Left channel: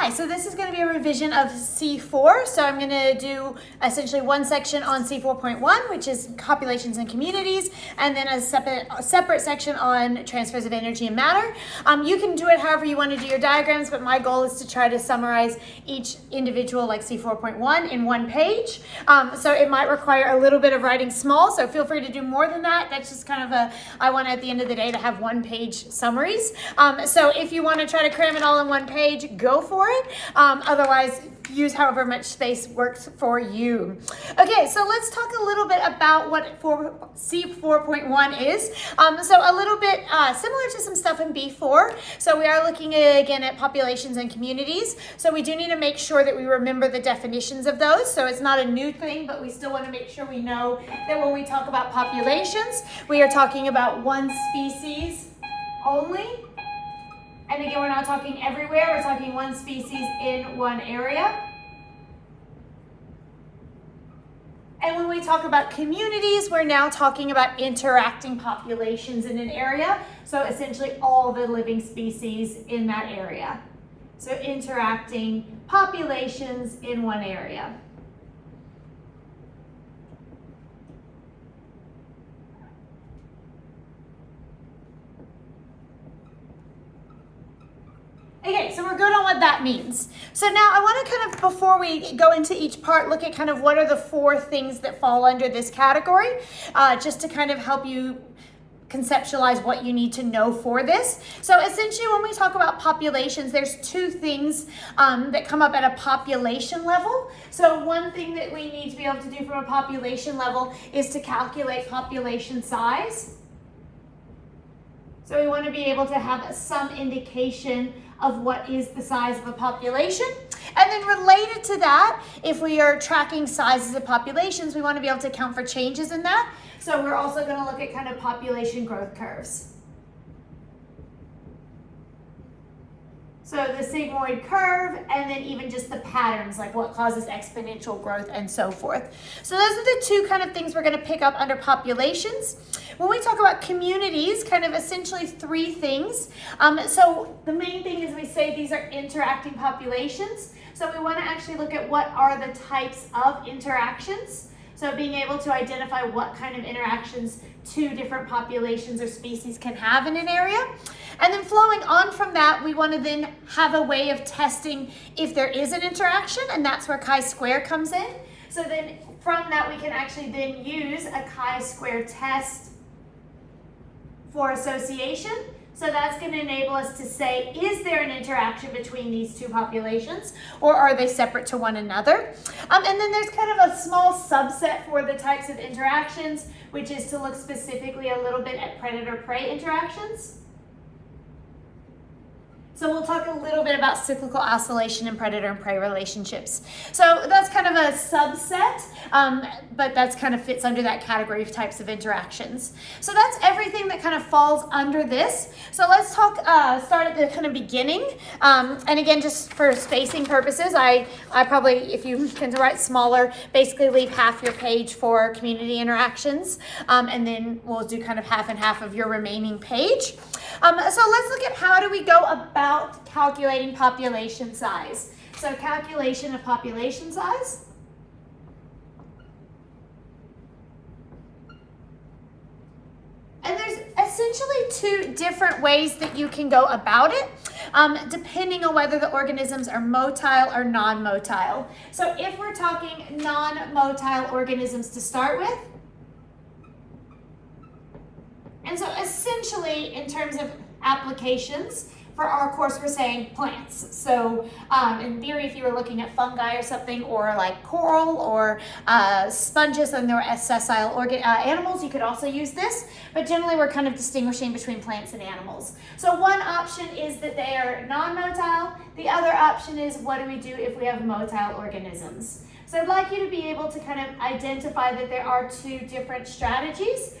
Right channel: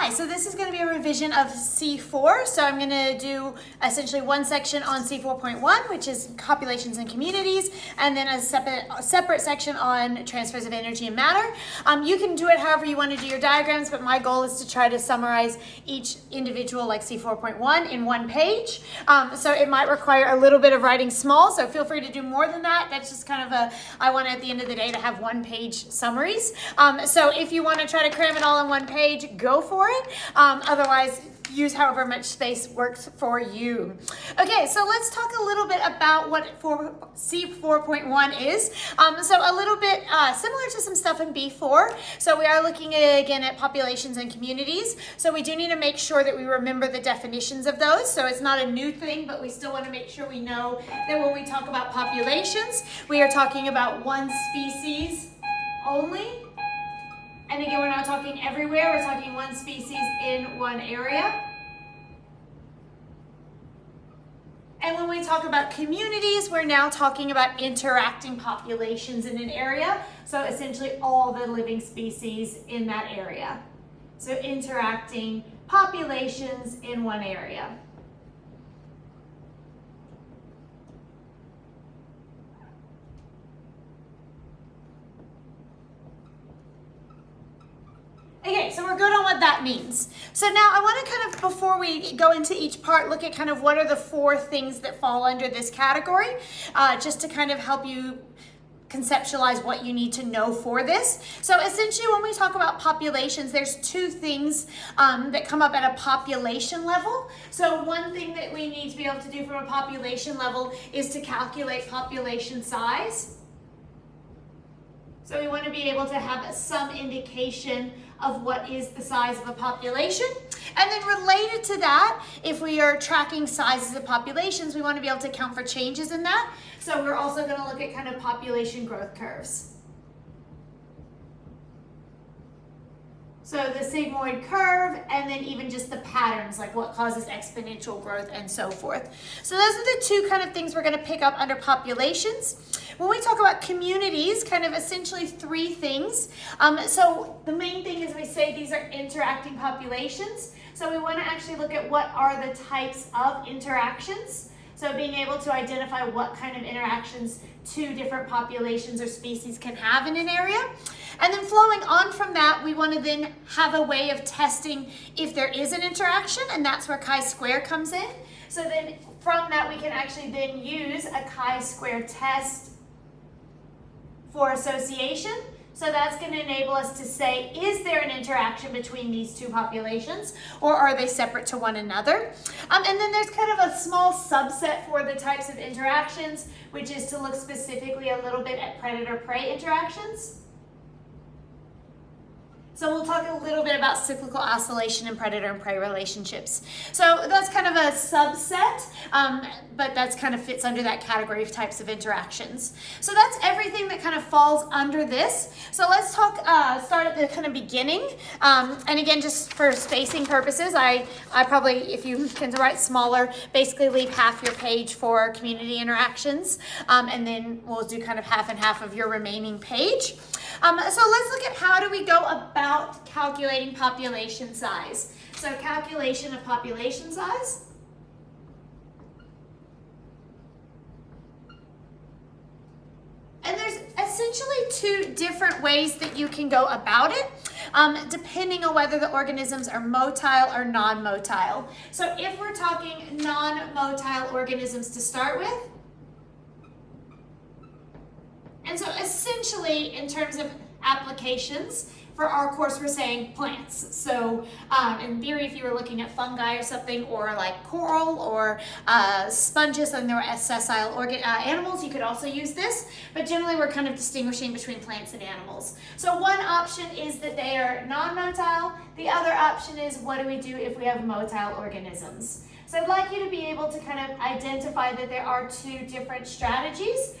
Hi, so this is going to be a revision of C4. So I'm going to do essentially one section on C4.1, which is populations and communities, and then a separate section on transfers of energy and matter. You can do it however you want to do your diagrams, but my goal is to try to summarize each individual, like C4.1, in one page. So it might require a little bit of writing small, so feel free to do more than that. That's just kind of I want at the end of the day to have one-page summaries. So if you want to try to cram it all in one page, go for it. Otherwise, use however much space works for you. Okay, so let's talk a little bit about what C4.1 is. So a little bit similar to some stuff in B4. So we are looking again at populations and communities. So we do need to make sure that we remember the definitions of those. So it's not a new thing, but we still want to make sure we know that when we talk about populations, we are talking about one species only. And again, we're not talking everywhere, we're talking one species in one area. And when we talk about communities, we're now talking about interacting populations in an area. So essentially all the living species in that area. So interacting populations in one area. Okay, so we're good on what that means. So now I want to kind of, before we go into each part, look at kind of what are the four things that fall under this category, just to kind of help you conceptualize what you need to know for this. So essentially when we talk about populations, there's two things that come up at a population level. So one thing that we need to be able to do from a population level is to calculate population size. So we want to be able to have some indication of what is the size of a population. And then related to that, if we are tracking sizes of populations, we want to be able to account for changes in that. So we're also going to look at kind of population growth curves. So the sigmoid curve, and then even just the patterns, like what causes exponential growth and so forth. So those are the two kind of things we're going to pick up under populations. When we talk about communities, kind of essentially three things. So the main thing is we say these are interacting populations. So we want to actually look at what are the types of interactions. So being able to identify what kind of interactions two different populations or species can have in an area. And then flowing on from that, we want to then have a way of testing if there is an interaction, and that's where chi-square comes in. So then from that, we can actually then use a chi-square test for association. So that's going to enable us to say, is there an interaction between these two populations, or are they separate to one another? And then there's kind of a small subset for the types of interactions, which is to look specifically a little bit at predator-prey interactions. So we'll talk a little bit about cyclical oscillation and predator and prey relationships. So that's kind of a subset, but that's kind of fits under that category of types of interactions. So that's everything that kind of falls under this. So let's talk, start at the kind of beginning. And again, just for spacing purposes, I probably, if you can write smaller, basically leave half your page for community interactions. And then we'll do kind of half and half of your remaining page. So let's look at how do we go about calculating population size. So calculation of population size. And there's essentially two different ways that you can go about it, depending on whether the organisms are motile or non-motile. So if we're talking non-motile organisms to start with, and so essentially, in terms of applications, for our course, we're saying plants. So in theory, if you were looking at fungi or something, or like coral or sponges, and there were sessile animals, you could also use this. But generally, we're kind of distinguishing between plants and animals. So one option is that they are non-motile. The other option is, what do we do if we have motile organisms? So I'd like you to be able to kind of identify that there are two different strategies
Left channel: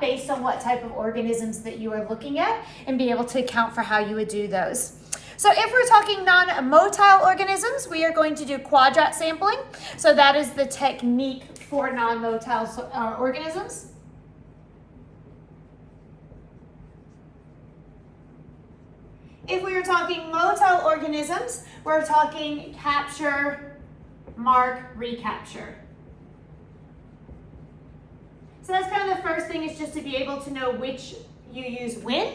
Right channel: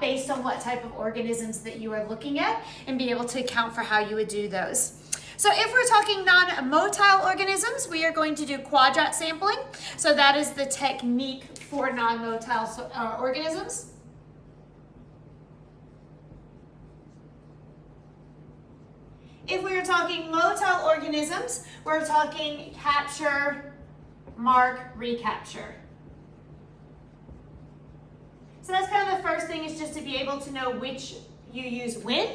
based on what type of organisms that you are looking at, and be able to account for how you would do those. So if we're talking non-motile organisms, we are going to do quadrat sampling. So that is the technique for non-motile organisms. If we were talking motile organisms, organisms, we're talking capture, mark, recapture. So that's kind of the first thing, is just to be able to know which you use when.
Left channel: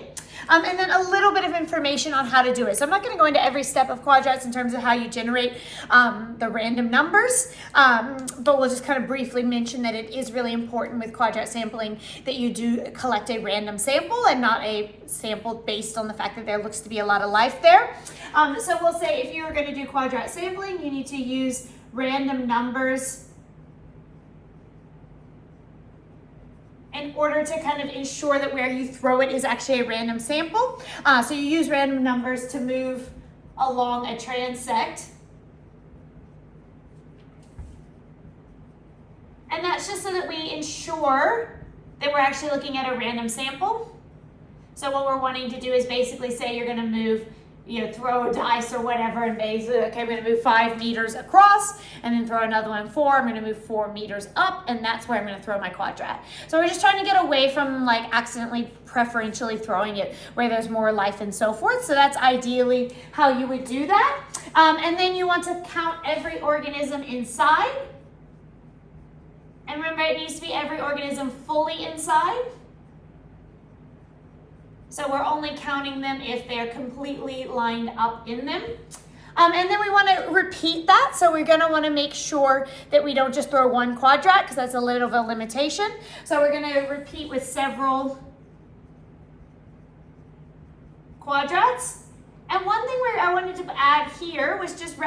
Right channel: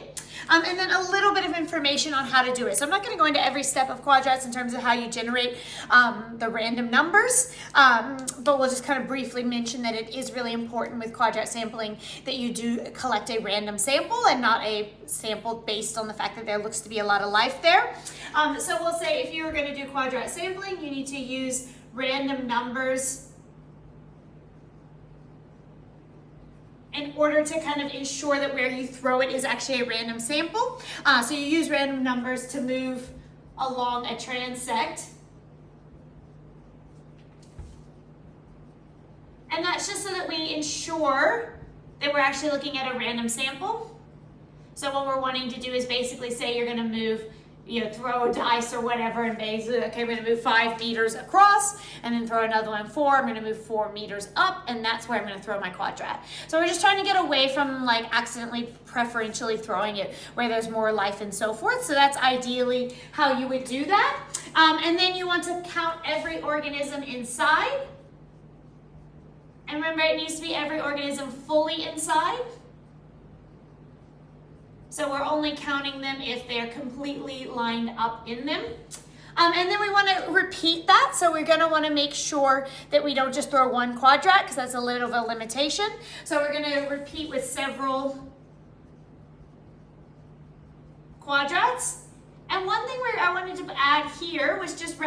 And then a little bit of information on how to do it. So I'm not going to go into every step of quadrats in terms of how you generate the random numbers, but we'll just kind of briefly mention that it is really important with quadrat sampling that you do collect a random sample and not a sample based on the fact that there looks to be a lot of life there. So we'll say if you're going to do quadrat sampling, you need to use random numbers in order to kind of ensure that where you throw it is actually a random sample. So you use random numbers to move along a transect. And that's just so that we ensure that we're actually looking at a random sample. So what we're wanting to do is basically say you're going to move, throw a dice or whatever, and basically, okay, I'm going to move 5 meters across, and then throw another one 4. I'm going to move 4 meters up, and that's where I'm going to throw my quadrat. So we're just trying to get away from like accidentally preferentially throwing it where there's more life and so forth. So that's ideally how you would do that. And then you want to count every organism inside. And remember, it needs to be every organism fully inside. So we're only counting them if they're completely lined up in them. And then we want to repeat that. So we're going to want to make sure that we don't just throw one quadrat, because that's a little bit of a limitation. So we're going to repeat with several quadrats. And one thing I wanted to add here was just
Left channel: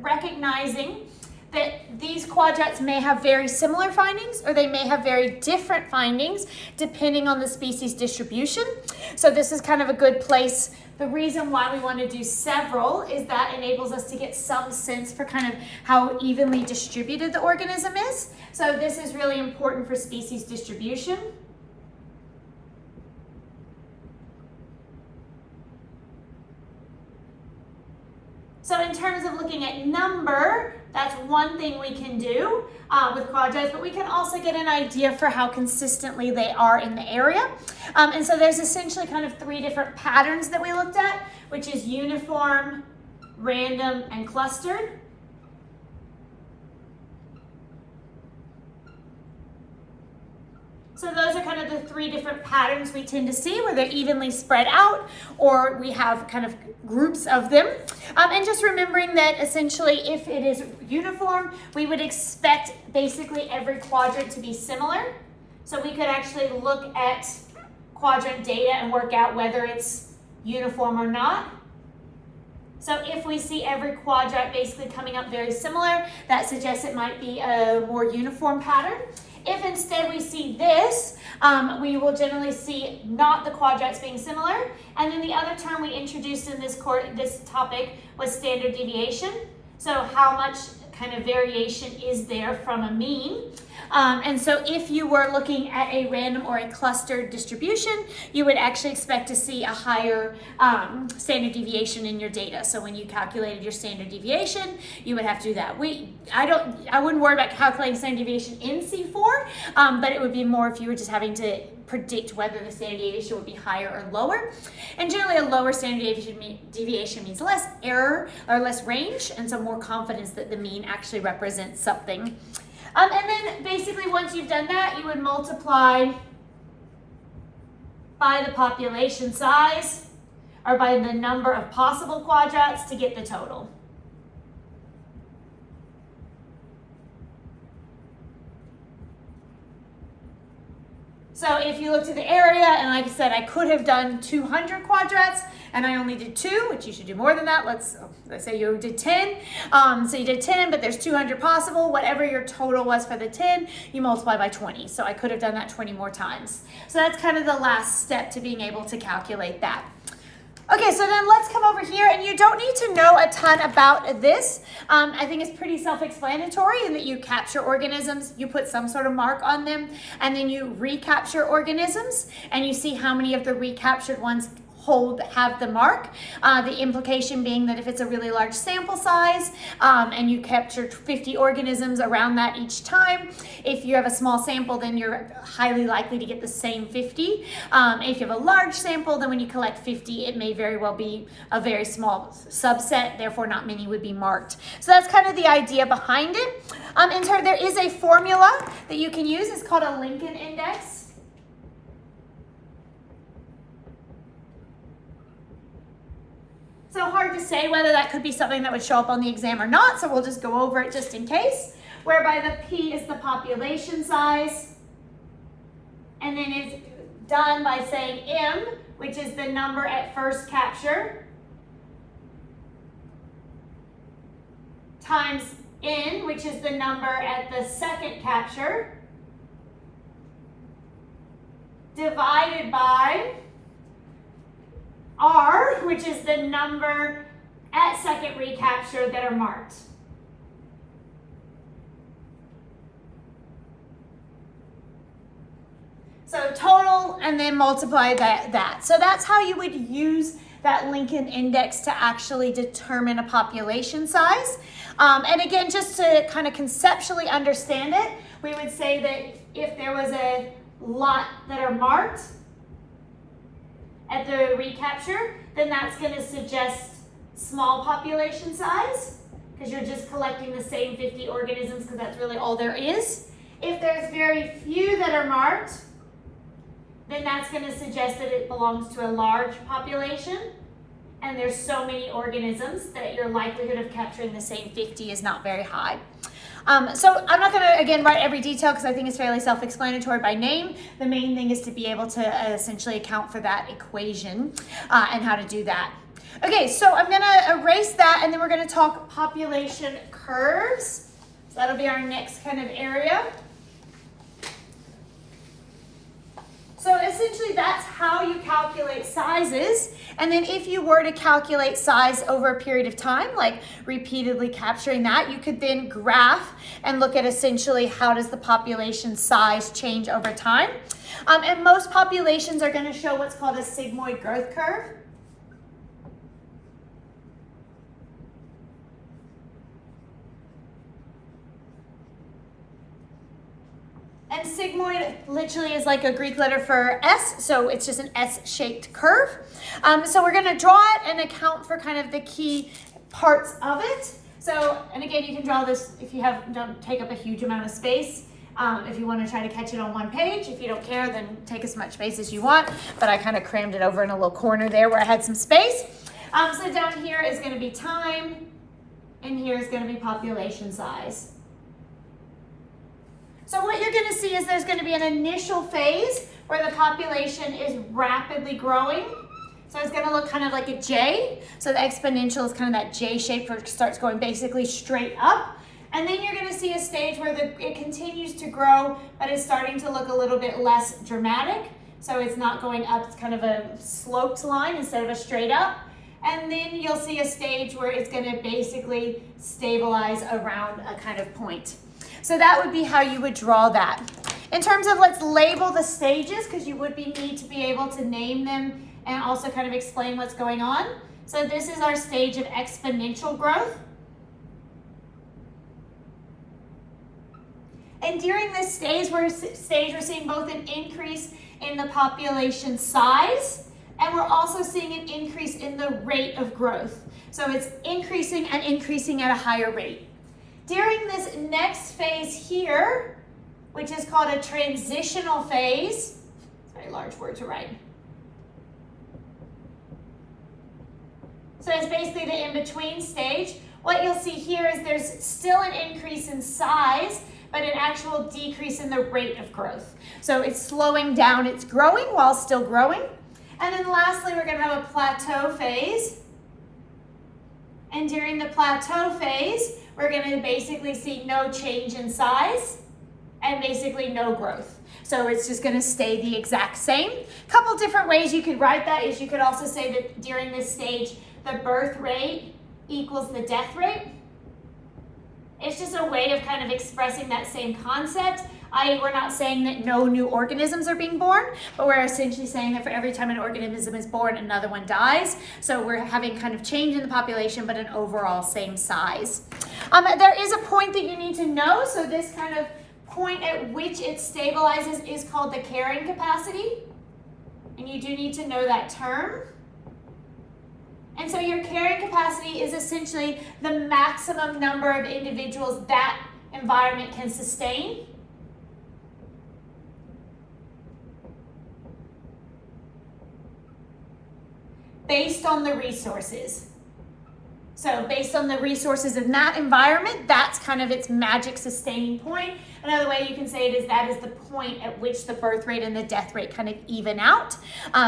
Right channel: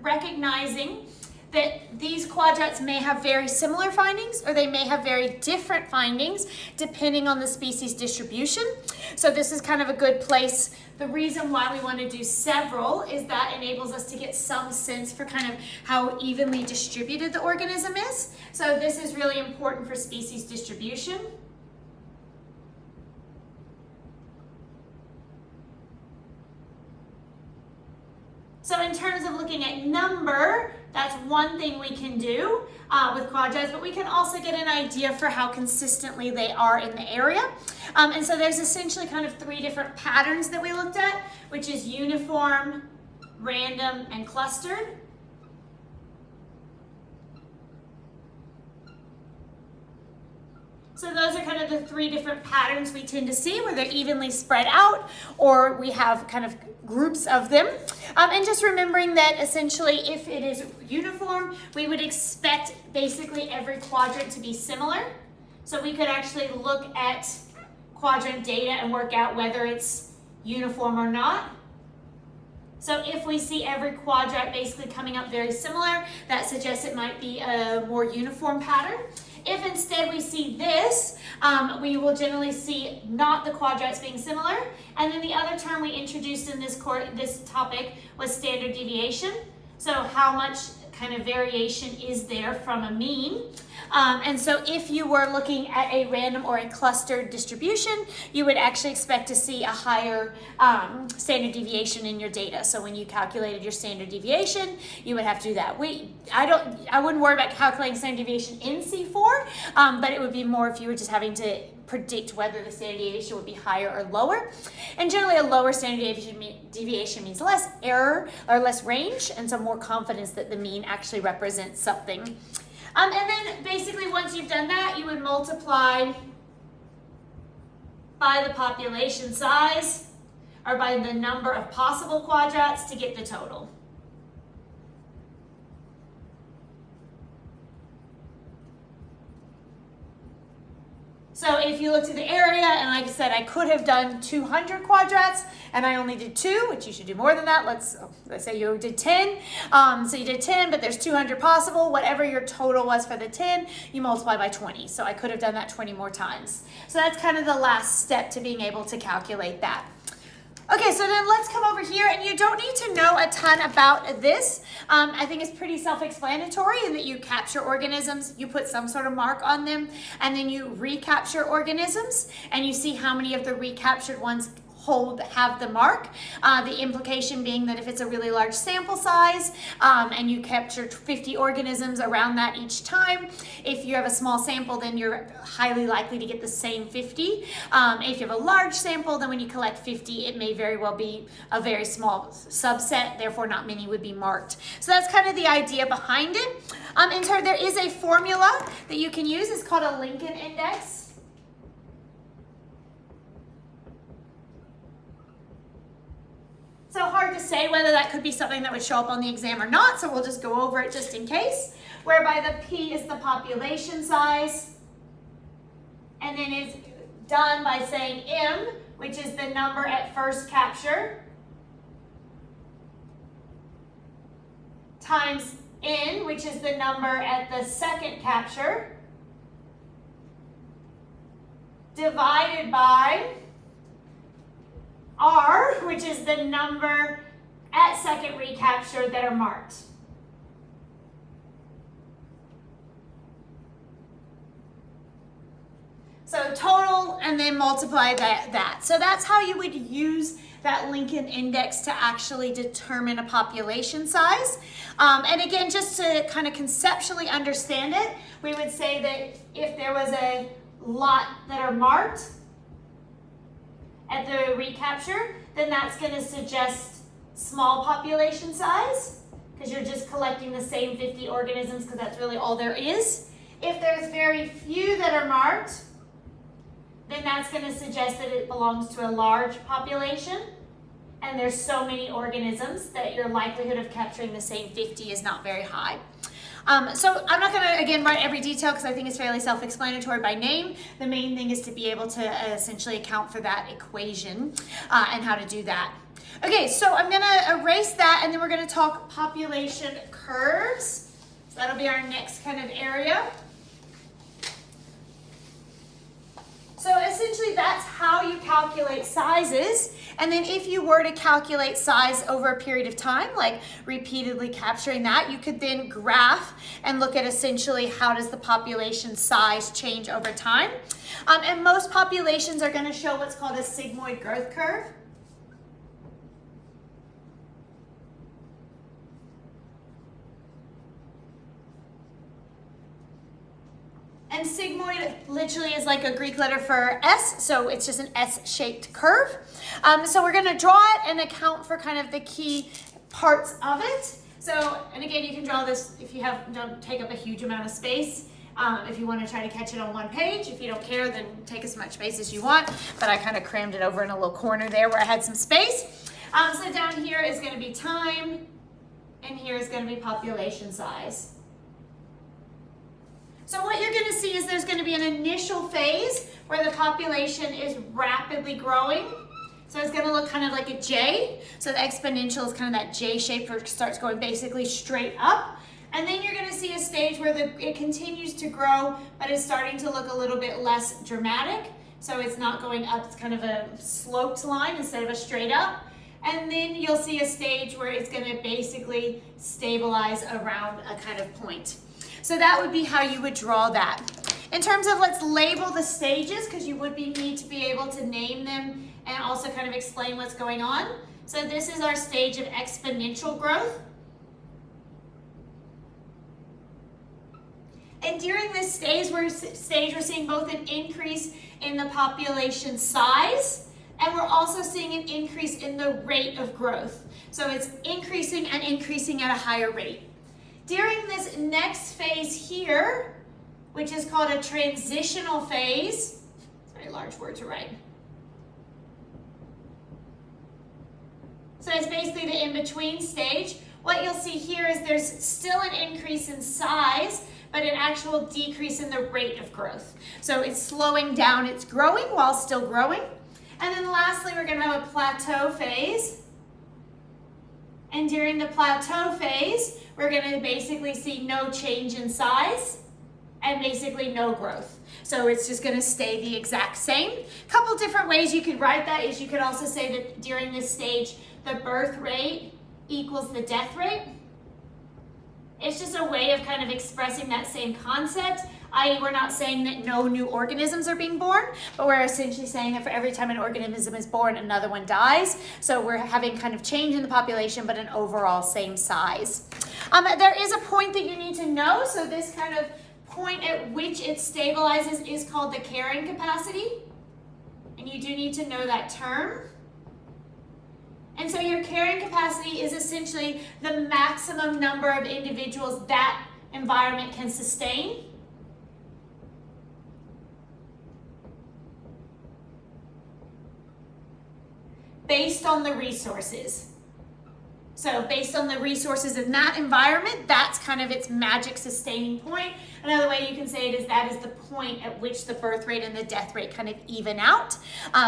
recognizing that these quadrats may have very similar findings, or they may have very different findings depending on the species distribution. So this is kind of a good place. The reason why we want to do several is that enables us to get some sense for kind of how evenly distributed the organism is. So this is really important for species distribution. So in terms of looking at number, that's one thing we can do with quadrats, but we can also get an idea for how consistently they are in the area. And so there's essentially kind of 3 different patterns that we looked at, which is uniform, random, and clustered. So those are kind of the 3 different patterns we tend to see, where they're evenly spread out, or we have kind of groups of them. And just remembering that essentially if it is uniform, we would expect basically every quadrant to be similar. So we could actually look at quadrant data and work out whether it's uniform or not. So if we see every quadrant basically coming up very similar, that suggests it might be a more uniform pattern. If instead we see this, we will generally see not the quadrats being similar. And then the other term we introduced in this topic was standard deviation. So how much kind of variation is there from a mean? And so if you were looking at a random or a clustered distribution, you would actually expect to see a higher standard deviation in your data. So when you calculated your standard deviation, you would have to do that. I wouldn't worry about calculating standard deviation in C4, but it would be more if you were just having to predict whether the standard deviation would be higher or lower. And generally a lower standard deviation means less error or less range, and so more confidence that the mean actually represents something. And then basically once you've done that, you would multiply by the population size, or by the number of possible quadrats, to get the total. So if you looked at the area, and like I said, I could have done 200 quadrats, and I only did 2, which you should do more than that. Let's say you did 10. So you did 10, but there's 200 possible. Whatever your total was for the 10, you multiply by 20. So I could have done that 20 more times. So that's kind of the last step to being able to calculate that. Okay, so then let's come over here, and you don't need to know a ton about this. I think it's pretty self-explanatory in that you capture organisms, you put some sort of mark on them, and then you recapture organisms, and you see how many of the recaptured ones have the mark. The implication being that if it's a really large sample size and you capture 50 organisms around that each time, if you have a small sample, then you're highly likely to get the same 50. If you have a large sample, then when you collect 50, it may very well be a very small subset, therefore not many would be marked. So that's kind of the idea behind it. There is a formula that you can use. It's called a Lincoln index. So hard to say whether that could be something that would show up on the exam or not, so we'll just go over it just in case, whereby the P is the population size, and then it's done by saying M, which is the number at first capture, times N, which is the number at the second capture, divided by R, which is the number at second recapture that are marked. So total, and then multiply that. So that's how you would use that Lincoln index to actually determine a population size. And again, just to kind of conceptually understand it, we would say that if there was a lot that are marked at the recapture, then that's going to suggest small population size, because you're just collecting the same 50 organisms, because that's really all there is. If there's very few that are marked, then that's going to suggest that it belongs to a large population, and there's so many organisms that your likelihood of capturing the same 50 is not very high. So I'm not going to, again, write every detail because I think it's fairly self-explanatory by name. The main thing is to be able to essentially account for that equation and how to do that. Okay, so I'm going to erase that, and then we're going to talk population curves. So that'll be our next kind of area. So essentially that's how you calculate sizes. And then if you were to calculate size over a period of time, like repeatedly capturing that, you could then graph and look at essentially how does the population size change over time. And most populations are going to show what's called a sigmoid growth curve. And sigmoid literally is like a Greek letter for S, so it's just an S-shaped curve. So we're going to draw it and account for kind of the key parts of it. So, and again, you can draw this if you don't take up a huge amount of space. If you want to try to catch it on one page. If you don't care, then take as much space as you want. But I kind of crammed it over in a little corner there where I had some space. So down here is going to be time, and here is going to be population size. So what you're going to see is there's going to be an initial phase where the population is rapidly growing. So it's going to look kind of like a J. So the exponential is kind of that J shape where it starts going basically straight up. And then you're going to see a stage where it continues to grow, but it's starting to look a little bit less dramatic. So it's not going up, it's kind of a sloped line instead of a straight up. And then you'll see a stage where it's going to basically stabilize around a kind of point. So that would be how you would draw that. In terms of, let's label the stages, because you would need to be able to name them and also kind of explain what's going on. So this is our stage of exponential growth. And during this stage, we're seeing both an increase in the population size, and we're also seeing an increase in the rate of growth. So it's increasing and increasing at a higher rate. During this next phase here, which is called a transitional phase, it's a very large word to write. So it's basically the in-between stage. What you'll see here is there's still an increase in size, but an actual decrease in the rate of growth. So it's slowing down, it's growing while still growing. And then lastly, we're going to have a plateau phase. And during the plateau phase, we're going to basically see no change in size and basically no growth. So it's just going to stay the exact same. A couple different ways you could write that is you could also say that during this stage, the birth rate equals the death rate. It's just a way of kind of expressing that same concept. i.e. we're not saying that no new organisms are being born, but we're essentially saying that for every time an organism is born, another one dies. So we're having kind of change in the population, but an overall same size. There is a point that you need to know. So this kind of point at which it stabilizes is called the carrying capacity. And you do need to know that term. And so your carrying capacity is essentially the maximum number of individuals that environment can sustain. Based on the resources. So based on the resources in that environment, that's kind of its magic sustaining point. Another way you can say it is that is the point at which the birth rate and the death rate kind of even out.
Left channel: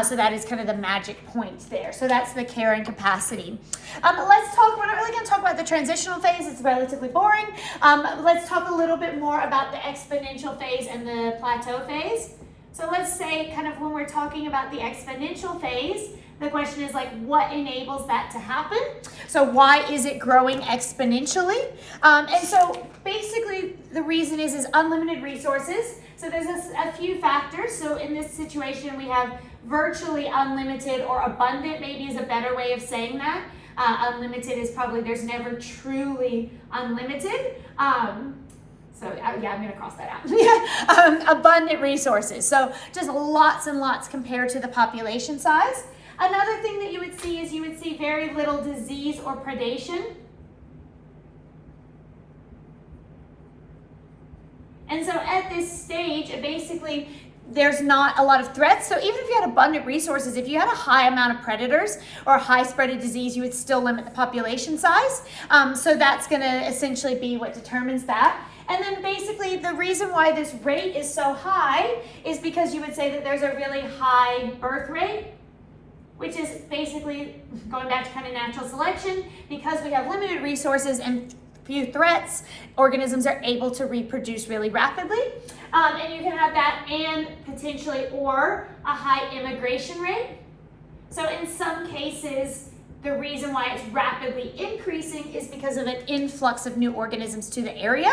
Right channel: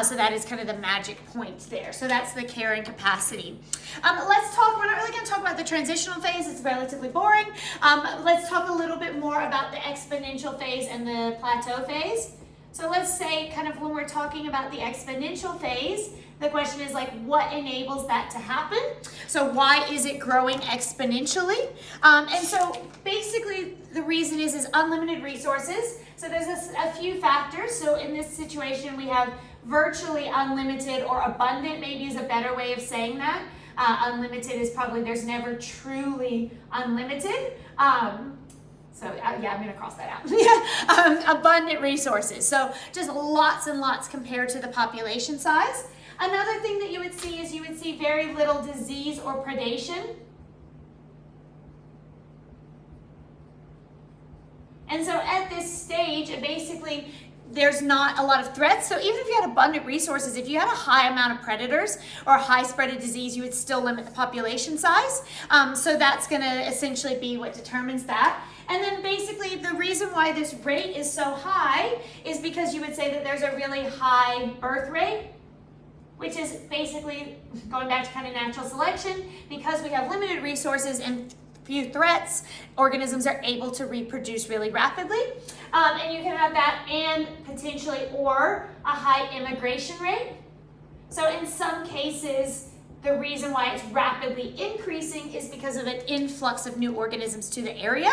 So that is kind of the magic point there. So that's the carrying capacity. Let's talk, we're not really going to talk about the transitional phase. It's relatively boring. Let's talk a little bit more about the exponential phase and the plateau phase. So let's say kind of when we're talking about the exponential phase, the question is like, what enables that to happen? So why is it growing exponentially? And so basically the reason is unlimited resources. So there's a few factors. So in this situation, we have virtually unlimited, or abundant maybe is a better way of saying that. Unlimited is probably, there's never truly unlimited. So yeah, I'm going to cross that out. Abundant resources. So just lots and lots compared to the population size. Another thing that you would see is you would see very little disease or predation. And so at this stage, basically, there's not a lot of threats. So even if you had abundant resources, if you had a high amount of predators or a high spread of disease, you would still limit the population size. So that's going to essentially be what determines that. And then basically the reason why this rate is so high is because you would say that there's a really high birth rate, which is basically going back to kind of natural selection. Because we have limited resources and few threats, organisms are able to reproduce really rapidly. And you can have that and potentially or a high immigration rate. So in some cases, the reason why it's rapidly increasing is because of an influx of new organisms to the area.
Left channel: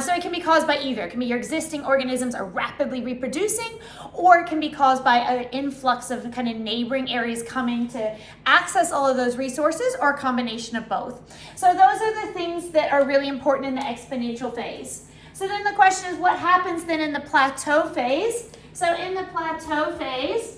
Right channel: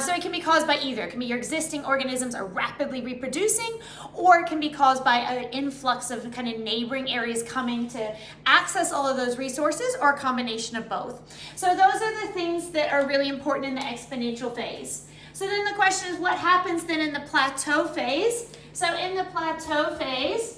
So it can be caused by either. It can be your existing organisms are rapidly reproducing, or it can be caused by an influx of kind of neighboring areas coming to access all of those resources, or a combination of both. So those are the things that are really important in the exponential phase. So then the question is, what happens then in the plateau phase? So in the plateau phase,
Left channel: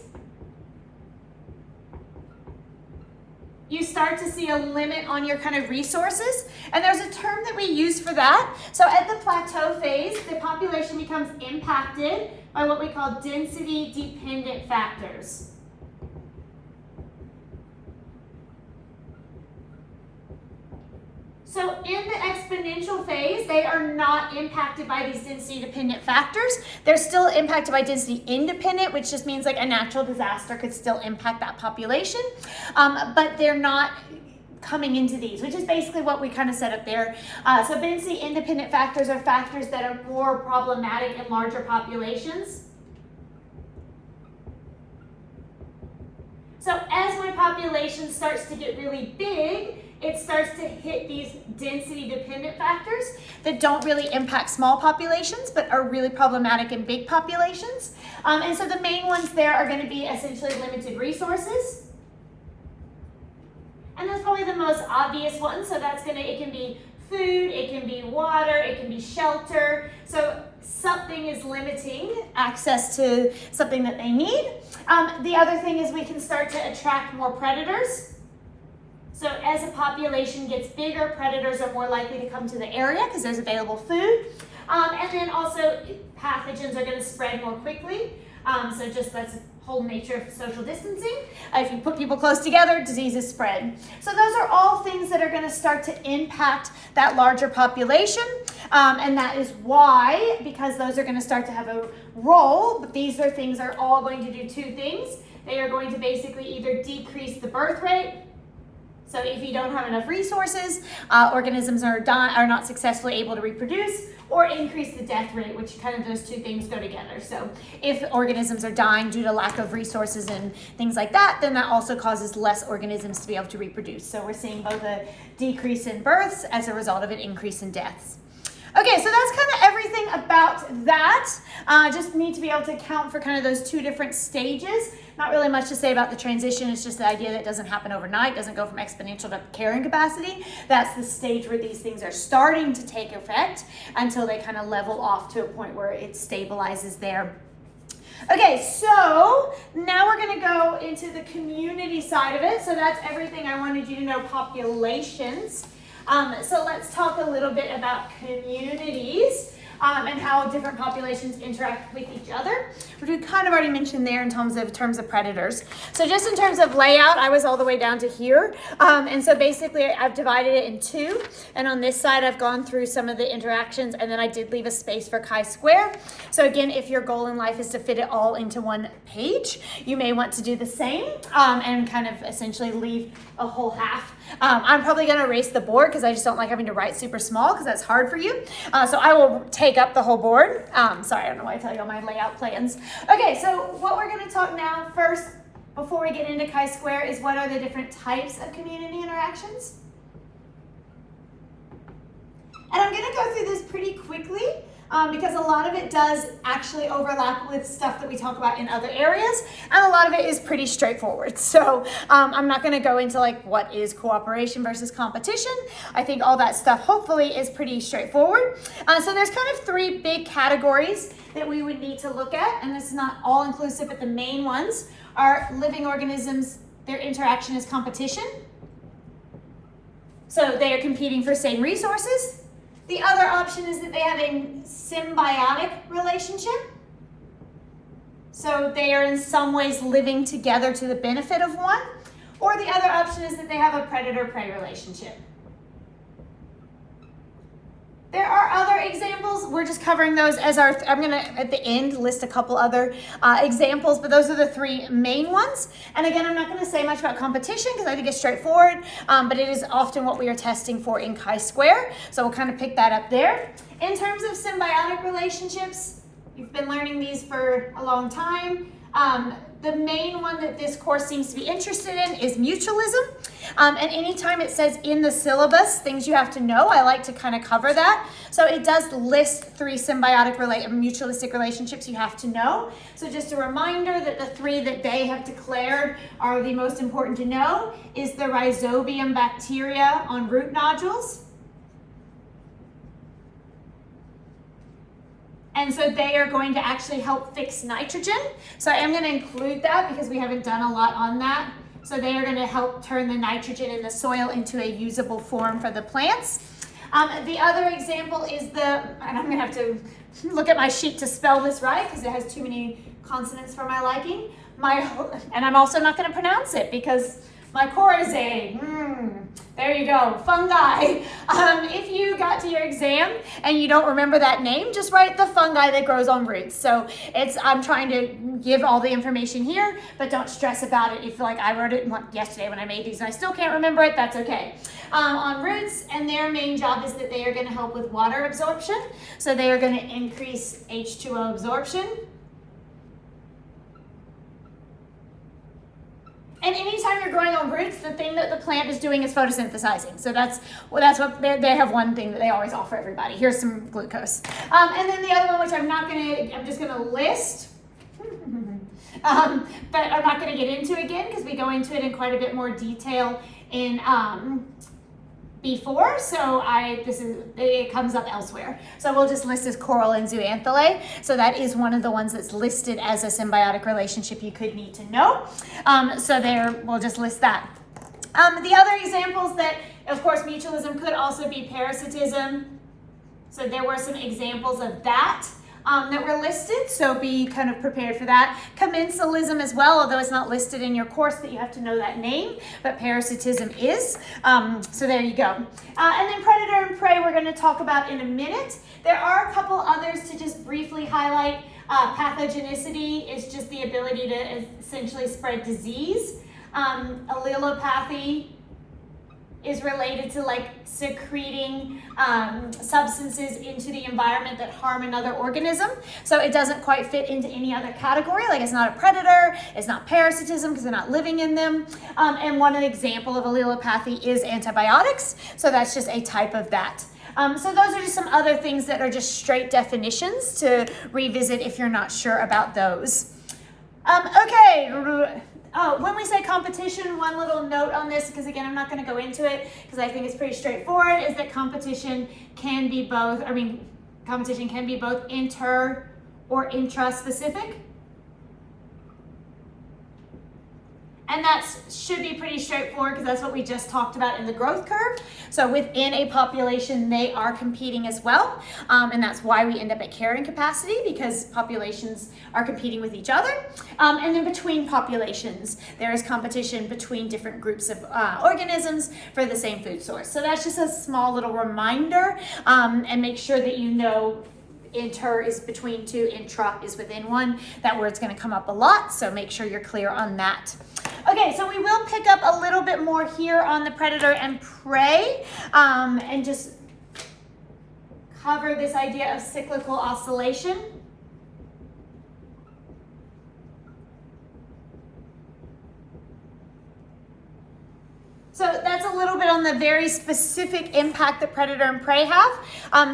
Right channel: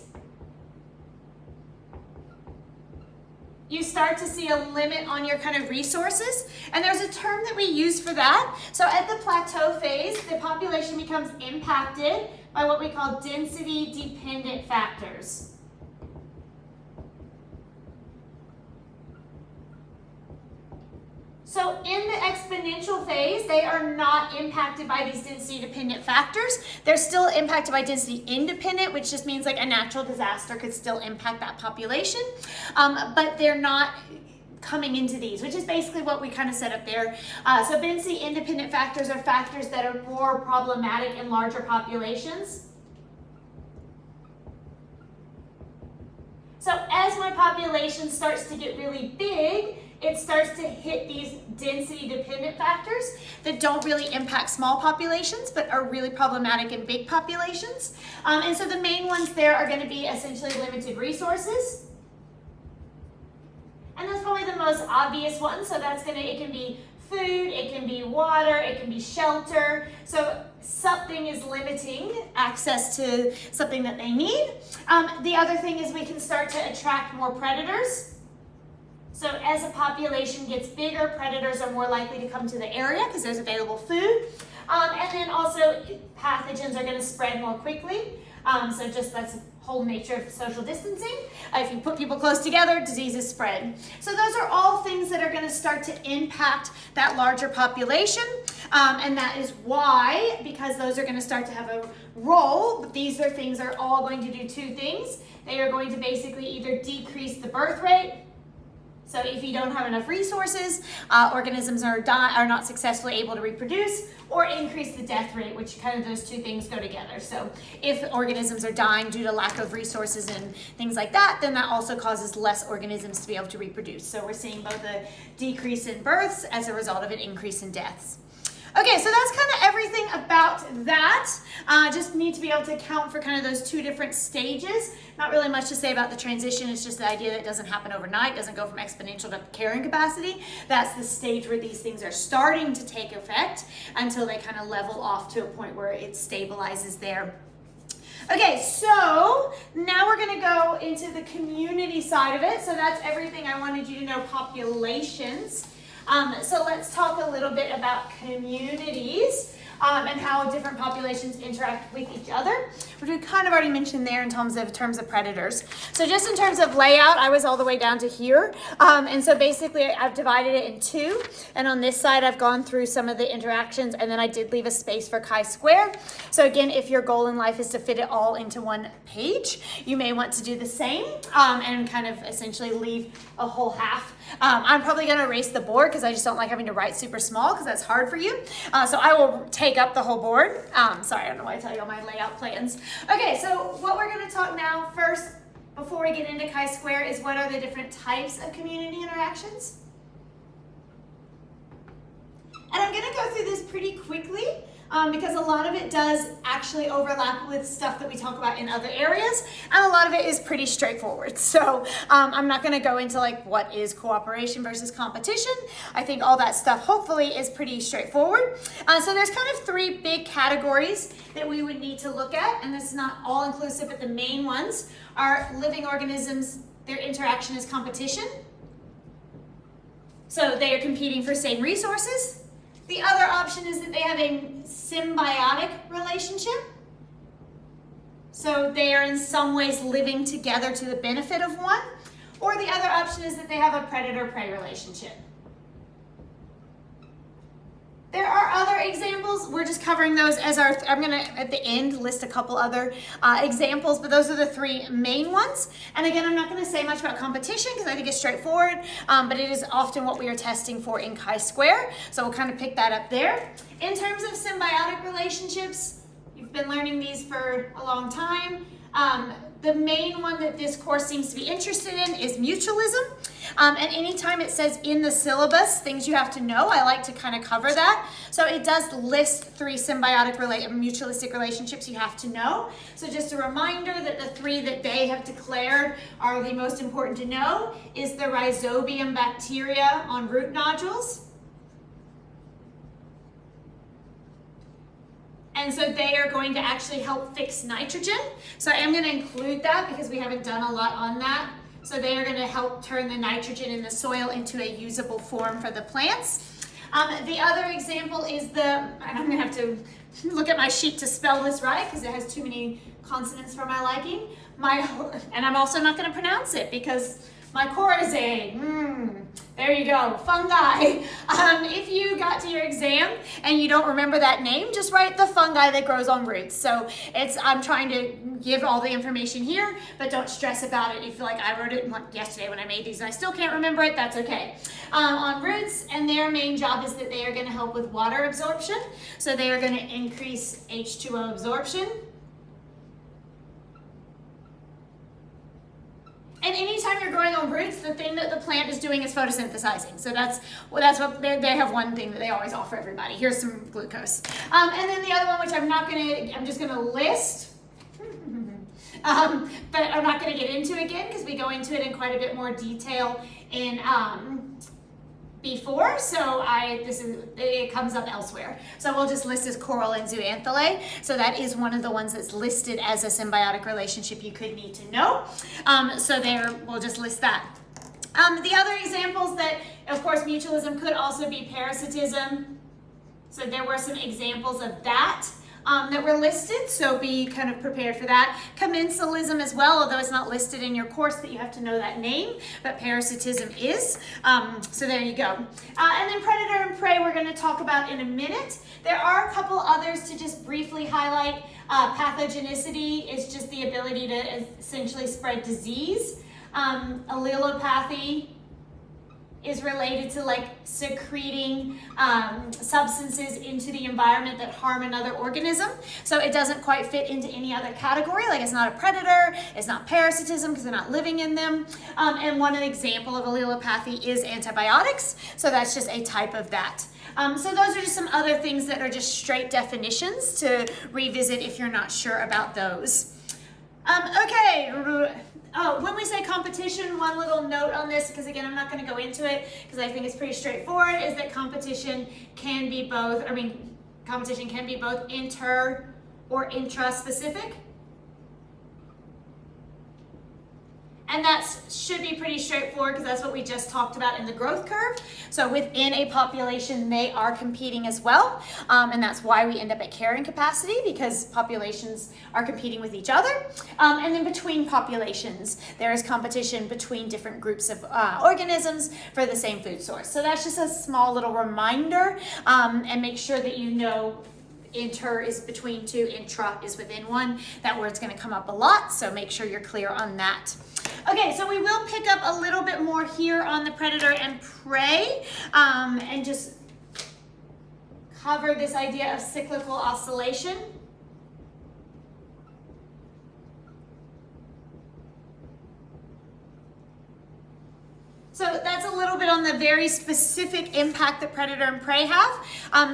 you start to see a limit on your kind of resources. And there's a term that we use for that. So at the plateau phase, the population becomes impacted by what we call density dependent factors. So in the exponential phase, they are not impacted by these density dependent factors. They're still impacted by density independent, which just means like a natural disaster could still impact that population. But they're not coming into these, which is basically what we kind of set up there. So density independent factors are factors that are more problematic in larger populations. So as my population starts to get really big, it starts to hit these density dependent factors that don't really impact small populations, but are really problematic in big populations. And so the main ones there are going to be essentially limited resources. And that's probably the most obvious one. So that's it can be food, it can be water, it can be shelter. So something is limiting access to something that they need. The other thing is we can start to attract more predators. So as a population gets bigger, predators are more likely to come to the area because there's available food. And then also pathogens are going to spread more quickly. So just that's the whole nature of social distancing. If you put people close together, diseases spread. So those are all things that are going to start to impact that larger population. And that is why, because those are going to start to have a role, but these are things are all going to do two things. They are going to basically either decrease the birth rate. So if you don't have enough resources, organisms are not successfully able to reproduce, or increase the death rate, which kind of those two things go together. So if organisms are dying due to lack of resources and things like that, then that also causes less organisms to be able to reproduce. So we're seeing both a decrease in births as a result of an increase in deaths. Okay, so that's kind of everything about that. Just need to be able to account for kind of those two different stages. Not really much to say about the transition. It's just the idea that it doesn't happen overnight, doesn't go from exponential to carrying capacity. That's the stage where these things are starting to take effect until they kind of level off to a point where it stabilizes there. Okay, so now we're going to go into the community side of it. So that's everything I wanted you to know, populations. So let's talk a little bit about communities and how different populations interact with each other, which we kind of already mentioned there in terms of predators. So just in terms of layout, I was all the way down to here. And so basically I've divided it in two. And on this side, I've gone through some of the interactions, and then I did leave a space for chi-square. So again, if your goal in life is to fit it all into one page, you may want to do the same and kind of essentially leave a whole half. I'm probably going to erase the board because I just don't like having to write super small because that's hard for you. So I will take up the whole board. Sorry, I don't know why I tell you all my layout plans. Okay, so what we're going to talk now first before we get into chi-square is what are the different types of community interactions. And I'm going to go through this pretty quickly because a lot of it does actually overlap with stuff that we talk about in other areas, and a lot of it is pretty straightforward. So I'm not going to go into like what is cooperation versus competition. I think all that stuff hopefully is pretty straightforward. So there's kind of three big categories that we would need to look at, and this is not all inclusive, but the main ones are living organisms. Their interaction is competition. So they are competing for same resources. The other option is that they have a symbiotic relationship. So they are in some ways living together to the benefit of one. Or the other option is that they have a predator-prey relationship. There are other examples. We're just covering those as I'm going to, at the end, list a couple other examples, but those are the three main ones. And again, I'm not going to say much about competition because I think it's straightforward, but it is often what we are testing for in chi-square. So we'll kind of pick that up there. In terms of symbiotic relationships, you've been learning these for a long time. The main one that this course seems to be interested in is mutualism. And anytime it says in the syllabus things you have to know, I like to kind of cover that. So it does list three symbiotic mutualistic relationships you have to know. So just a reminder that the three that they have declared are the most important to know is the rhizobium bacteria on root nodules. And so they are going to actually help fix nitrogen. So I am going to include that because we haven't done a lot on that. So they are going to help turn the nitrogen in the soil into a usable form for the plants. The other example is and I'm going to have to look at my sheet to spell this right because it has too many consonants for my liking. And I'm also not going to pronounce it because mycorrhizae, there you go, fungi. If you got to your exam and you don't remember that name, just write the fungi that grows on roots. So I'm trying to give all the information here, but don't stress about it. You feel like I wrote it yesterday when I made these and I still can't remember it, that's okay. On roots, and their main job is that they are going to help with water absorption. So they are going to increase H2O absorption. And anytime you're growing on roots, the thing that the plant is doing is photosynthesizing. So that's what they have one thing that they always offer everybody. Here's some glucose. And then the other one, which I'm just gonna list, but I'm not gonna get into again because we go into it in quite a bit more detail in before, so it comes up elsewhere. So we'll just list as coral and zooanthalae. So that is one of the ones that's listed as a symbiotic relationship you could need to know. We'll just list that. The other examples that, of course, mutualism could also be parasitism. So there were some examples of that that were listed, so be kind of prepared for that. Commensalism as well, although it's not listed in your course that you have to know that name, but parasitism is. So there you go. And then predator and prey we're going to talk about in a minute. There are a couple others to just briefly highlight. Pathogenicity is just the ability to essentially spread disease. Allelopathy is related to like secreting substances into the environment that harm another organism. So it doesn't quite fit into any other category. Like it's not a predator, it's not parasitism because they're not living in them. And one example of allelopathy is antibiotics. So that's just a type of that. So those are just some other things that are just straight definitions to revisit if you're not sure about those. Okay. Oh, when we say competition, one little note on this, because again, I'm not going to go into it because I think it's pretty straightforward, is that competition can be both, competition can be both inter or intra-specific. And that should be pretty straightforward because that's what we just talked about in the growth curve. So within a population, they are competing as well. And that's why we end up at carrying capacity, because populations are competing with each other. And then between populations, there is competition between different groups of organisms for the same food source. So that's just a small little reminder, and make sure that you know inter is between two, intra is within one. That word's going to come up a lot, so make sure you're clear on that. Okay, so we will pick up a little bit more here on the predator and prey, and just cover this idea of cyclical oscillation. So that's a little bit on the very specific impact that predator and prey have.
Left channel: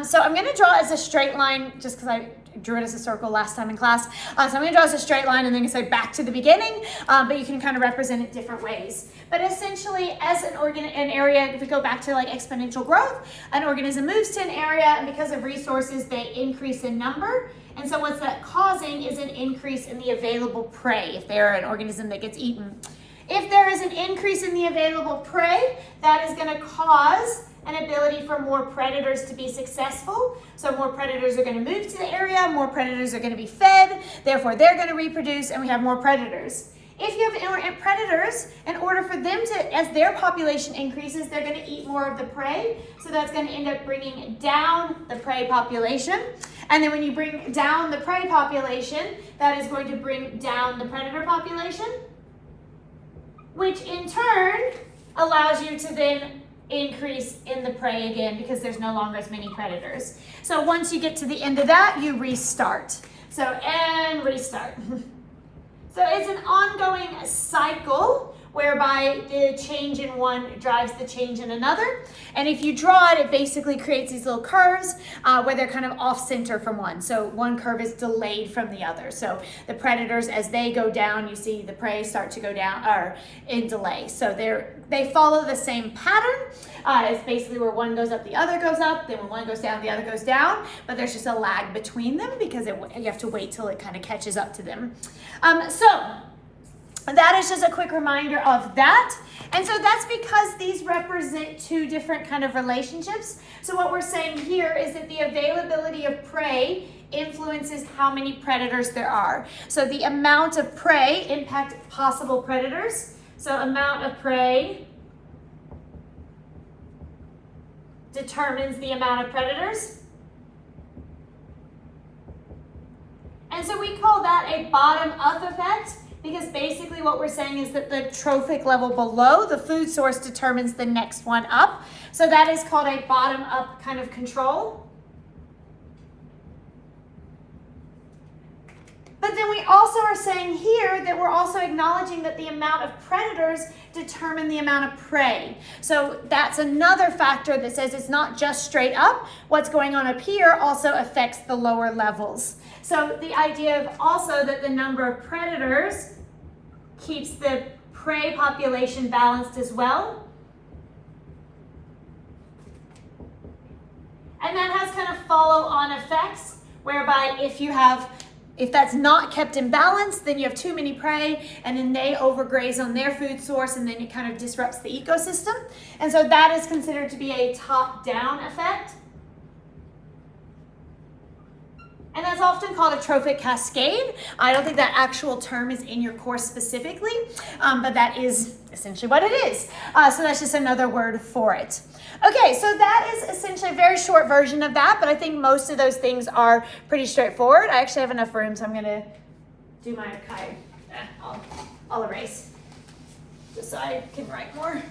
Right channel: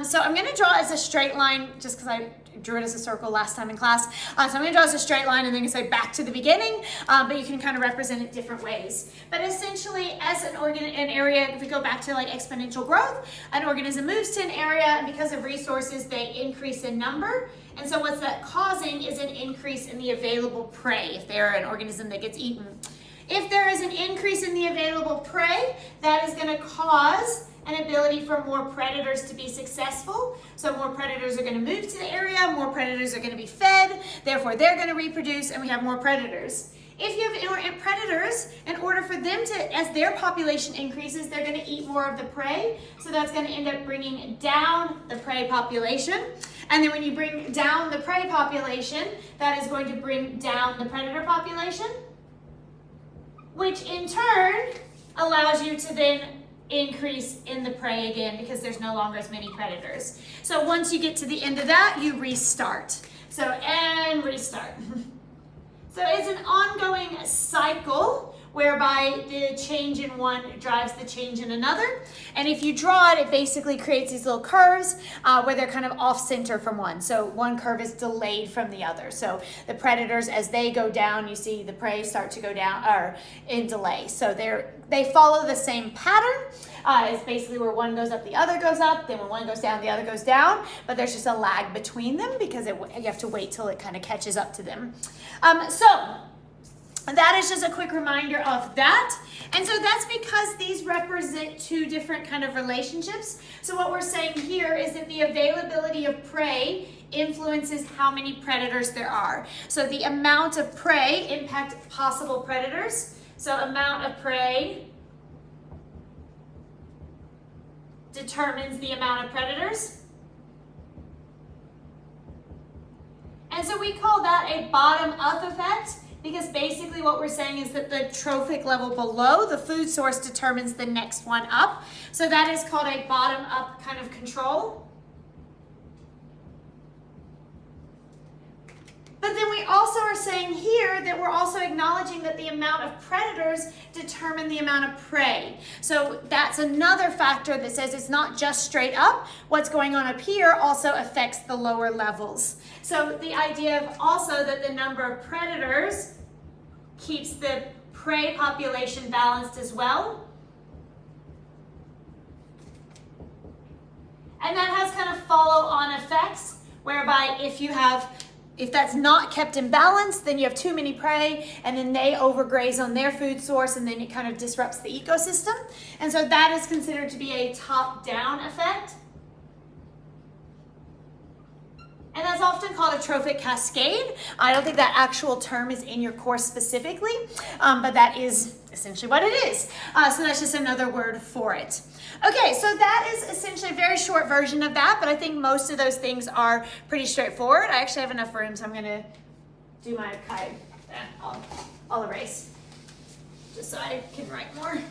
So I'm going to draw as a straight line, just because I drew it as a circle last time in class. So I'm going to draw as a straight line and then say back to the beginning, but you can kind of represent it different ways. But essentially, as an area, if we go back to like exponential growth, an organism moves to an area, and because of resources, they increase in number. And so what's that causing is an increase in the available prey if they're an organism that gets eaten. If there is an increase in the available prey, that is going to cause an ability for more predators to be successful. So more predators are going to move to the area, more predators are going to be fed, therefore they're going to reproduce, and we have more predators. If you have predators, in order for them to, as their population increases, they're going to eat more of the prey, so that's going to end up bringing down the prey population. And then when you bring down the prey population, that is going to bring down the predator population, which in turn allows you to then increase in the prey again because there's no longer as many predators. So once you get to the end of that, you restart. So, and restart. So it's an ongoing cycle whereby the change in one drives the change in another. And if you draw it, it basically creates these little curves where they're kind of off center from one. So one curve is delayed from the other. So the predators, as they go down, you see the prey start to go down or in delay. So they follow the same pattern. It's basically where one goes up, the other goes up. Then when one goes down, the other goes down. But there's just a lag between them because you have to wait till it kind of catches up to them. So that is just a quick reminder of that. And so that's because these represent two different kind of relationships. So what we're saying here is that the availability of prey influences how many predators there are. So the amount of prey impacts possible predators. So amount of prey determines the amount of predators. And so we call that a bottom-up effect, because basically what we're saying is that the trophic level below the food source determines the next one up. So that is called a bottom-up kind of control. But then we also are saying here that we're also acknowledging that the amount of predators determine the amount of prey. So that's another factor that says it's not just straight up. What's going on up here also affects the lower levels. So the idea of also that the number of predators keeps the prey population balanced as well. And that has kind of follow-on effects, whereby if that's not kept in balance, then you have too many prey, and then they overgraze on their food source, and then it kind of disrupts the ecosystem. And so that is considered to be a top-down effect. And that's often called a trophic cascade. I don't think that actual term is in your course specifically, but that is essentially what it is. So that's just another word for it. Okay, so that is essentially a very short version of that, but I think most of those things are pretty straightforward. I actually have enough room, so I'm going to do my kind. I'll erase, just so I can write more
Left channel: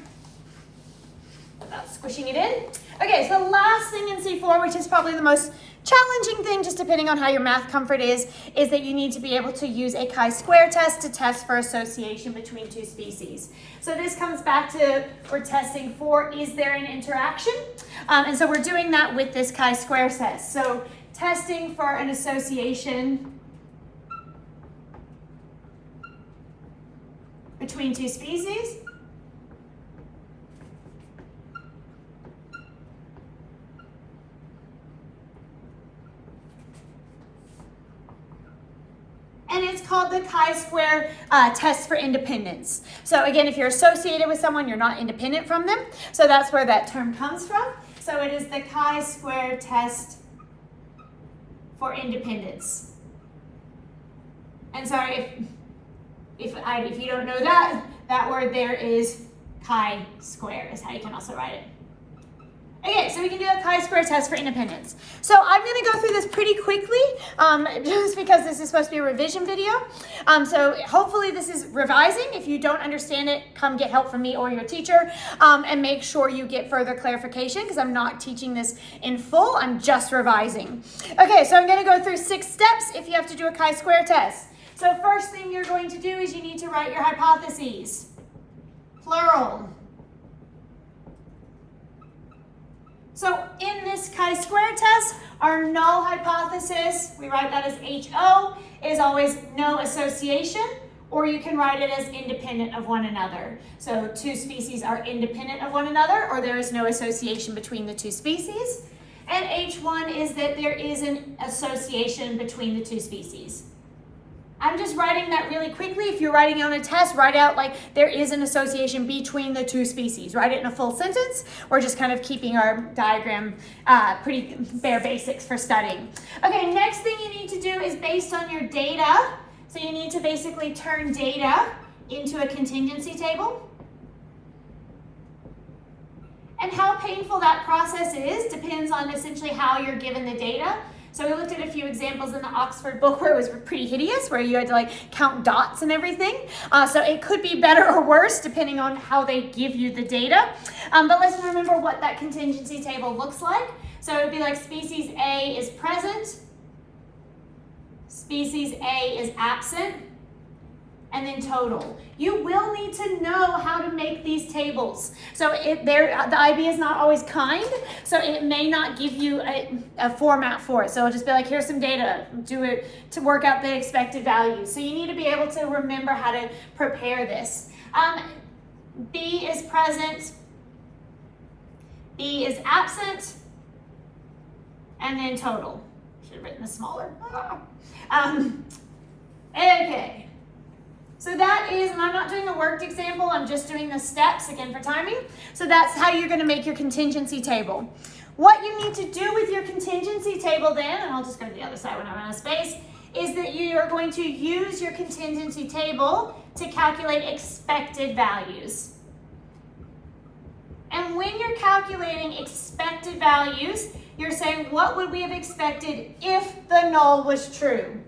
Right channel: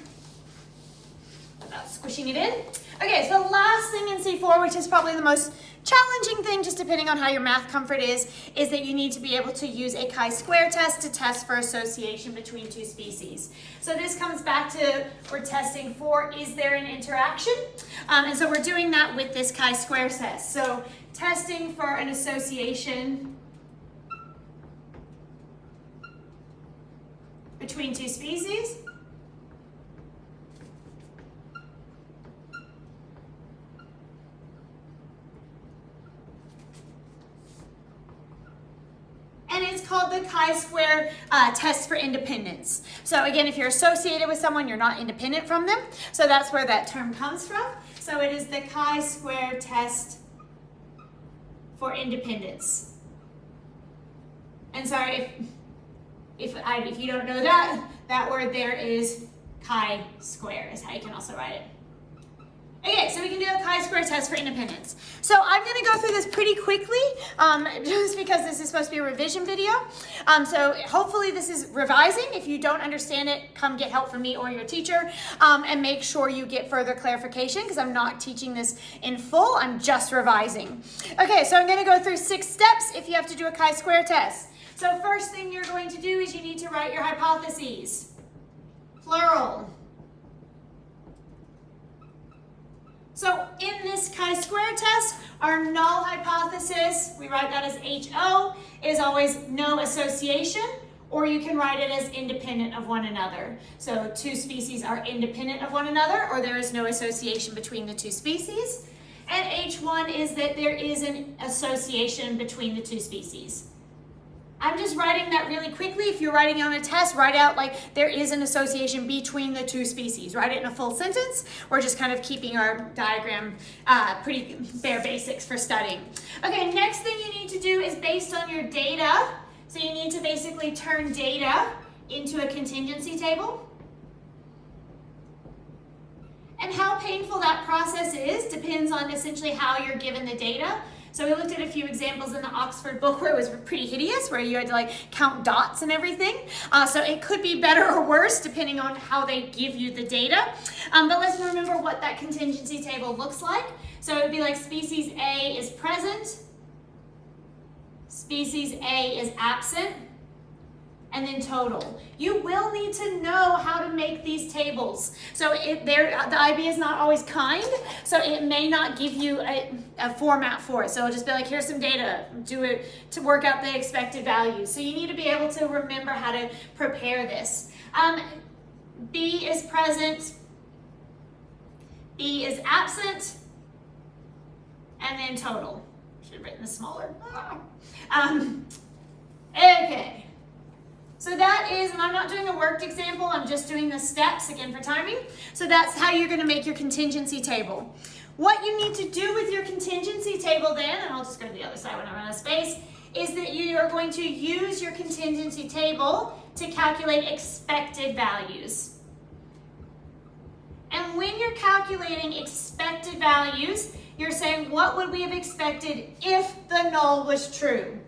without squishing it in. Okay, so last thing in C4, which is probably the most challenging thing, just depending on how your math comfort is that you need to be able to use a chi-square test to test for association between two species. So this comes back to, we're testing for, is there an interaction? And so we're doing that with this chi-square test. So testing for an association between two species. And it's called the chi-square test for independence. So again, if you're associated with someone, you're not independent from them. So that's where that term comes from. So it is the chi-square test for independence. And sorry, if you don't know that word there is chi-square is how you can also write it. Okay, so we can do a chi-square test for independence. So I'm going to go through this pretty quickly, just because this is supposed to be a revision video. So hopefully this is revising. If you don't understand it, come get help from me or your teacher, and make sure you get further clarification, because I'm not teaching this in full. I'm just revising. Okay, so I'm going to go through 6 steps if you have to do a chi-square test. So first thing you're going to do is you need to write your hypotheses, plural. So in this chi-square test, our null hypothesis, we write that as HO, is always no association, or you can write it as independent of one another. So two species are independent of one another, or there is no association between the two species. And H1 is that there is an association between the two species. I'm just writing that really quickly. If you're writing on a test, write out like there is an association between the two species. Write it in a full sentence. We're just kind of keeping our diagram pretty bare basics for studying. Okay, next thing you need to do is based on your data. So you need to basically turn data into a contingency table. And how painful that process is depends on essentially how you're given the data. So we looked at a few examples in the Oxford book where it was pretty hideous, where you had to like count dots and everything. So it could be better or worse depending on how they give you the data. But let's remember what that contingency table looks like. So it would be like species A is present, species A is absent, and then total. You will need to know how to make these tables. So the IB is not always kind, so it may not give you a format for it. So it'll just be like, here's some data, do it to work out the expected values. So you need to be able to remember how to prepare this. B is present, B is absent, and then total. Should have written this smaller. Okay. So that is, and I'm not doing a worked example, I'm just doing the steps, again, for timing. So that's how you're going to make your contingency table. What you need to do with your contingency table then, and I'll just go to the other side when I'm out of space, is that you are going to use your contingency table to calculate expected values. And when you're calculating expected values, you're saying, what would we have expected if the null was true?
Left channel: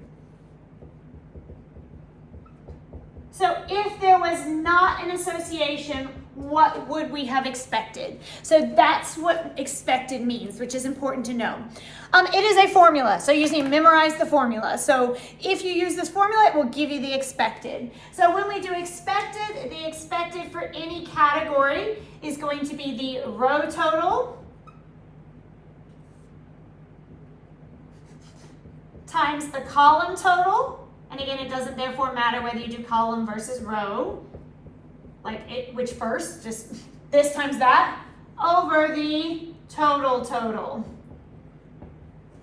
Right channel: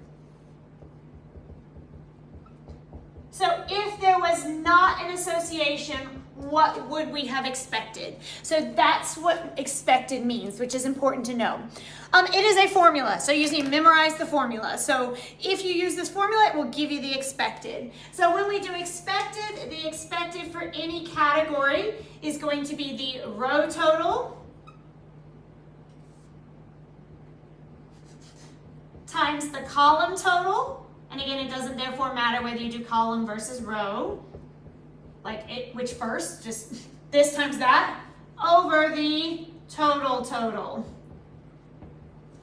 So if there was not an association, what would we have expected? So that's what expected means, which is important to know. It is a formula, so you just need to memorize the formula. So if you use this formula, it will give you the expected. So when we do expected, the expected for any category is going to be the row total times the column total. And again, it doesn't therefore matter whether you do column versus row, which first, just this times that, over the total.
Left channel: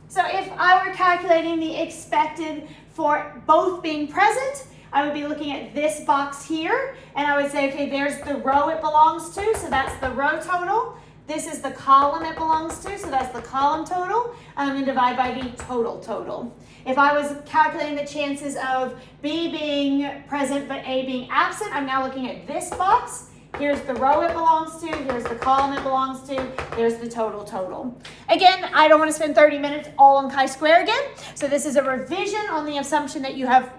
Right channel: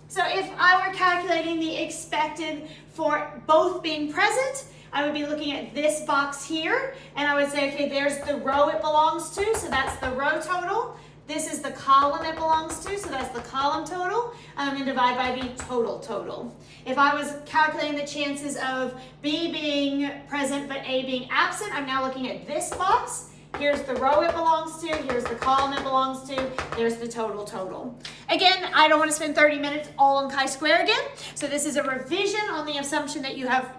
So if I were calculating the expected for both being present, I would be looking at this box here, and I would say, okay, there's the row it belongs to, so that's the row total. This is the column it belongs to, so that's the column total, and then divide by the total. If I was calculating the chances of B being present but A being absent, I'm now looking at this box. Here's the row it belongs to, here's the column it belongs to, there's the total. Again, I don't want to spend 30 minutes all on chi-square again, so this is a revision on the assumption that you have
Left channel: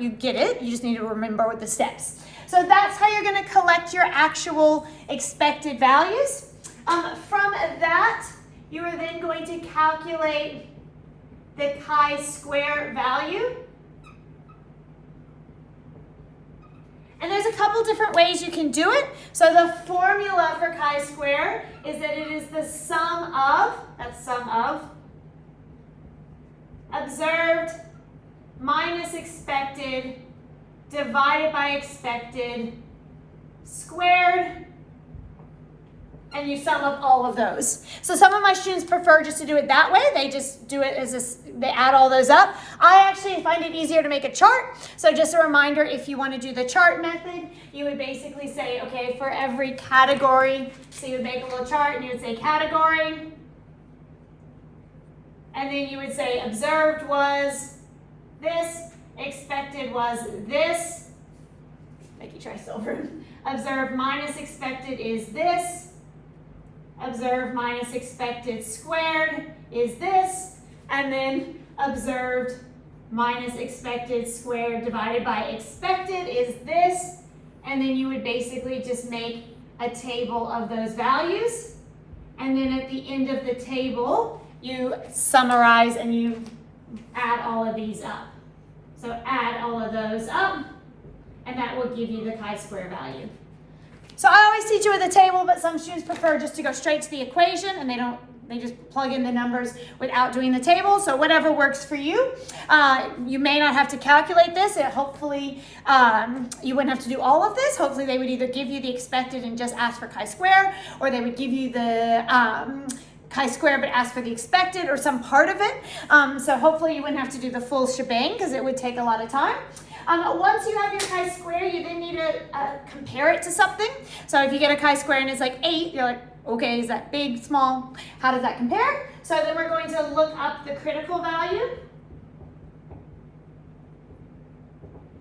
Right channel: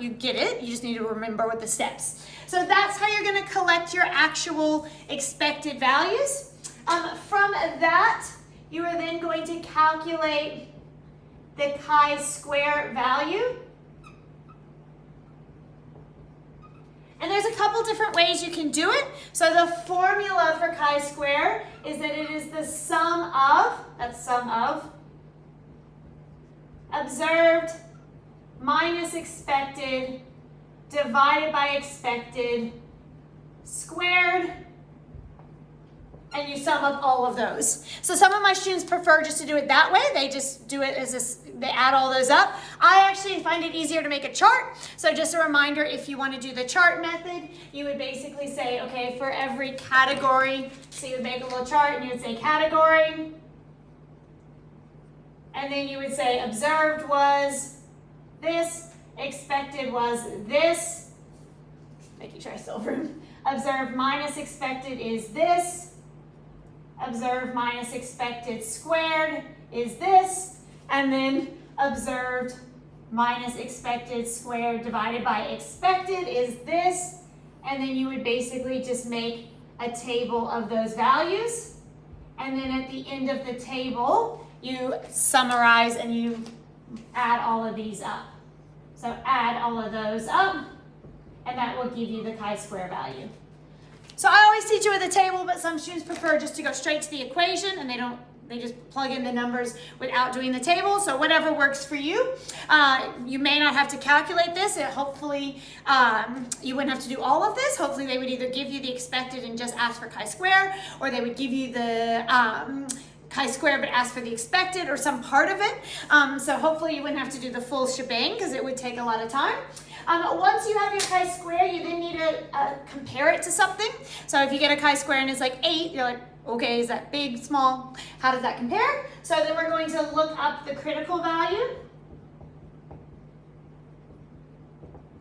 you get it, you just need to remember what the steps. So that's how you're going to collect your actual expected values. From that, you are then going to calculate the chi-square value. And there's a couple different ways you can do it. So the formula for chi-square is that it is the sum of, that's sum of, observed minus expected divided by expected squared, and you sum up all of those. So some of my students prefer just to do it that way. They just do it as they add all those up. I actually find it easier to make a chart. So just a reminder, if you want to do the chart method, you would basically say, okay, for every category, so you would make a little chart and you would say category. And then you would say observed was this, expected was this. Make you try silver. Observed minus expected is this. Observed minus expected squared is this. And then observed minus expected squared divided by expected is this. And then you would basically just make a table of those values. And then at the end of the table, you summarize and you add all of these up. So add all of those up, and that will give you the chi-square value. So I always teach you with a table, but some students prefer just to go straight to the equation, and they just plug in the numbers without doing the table. So whatever works for you. You may not have to calculate this. Hopefully, you wouldn't have to do all of this. Hopefully, they would either give you the expected and just ask for chi-square, or they would give you the chi-square but ask for the expected or some part of it. So hopefully you wouldn't have to do the full shebang because it would take a lot of time. Once you have your chi-square, you then need to compare it to something. So if you get a chi-square and it's like 8, you're like, okay, is that big, small? How does that compare? So then we're going to look up the critical value.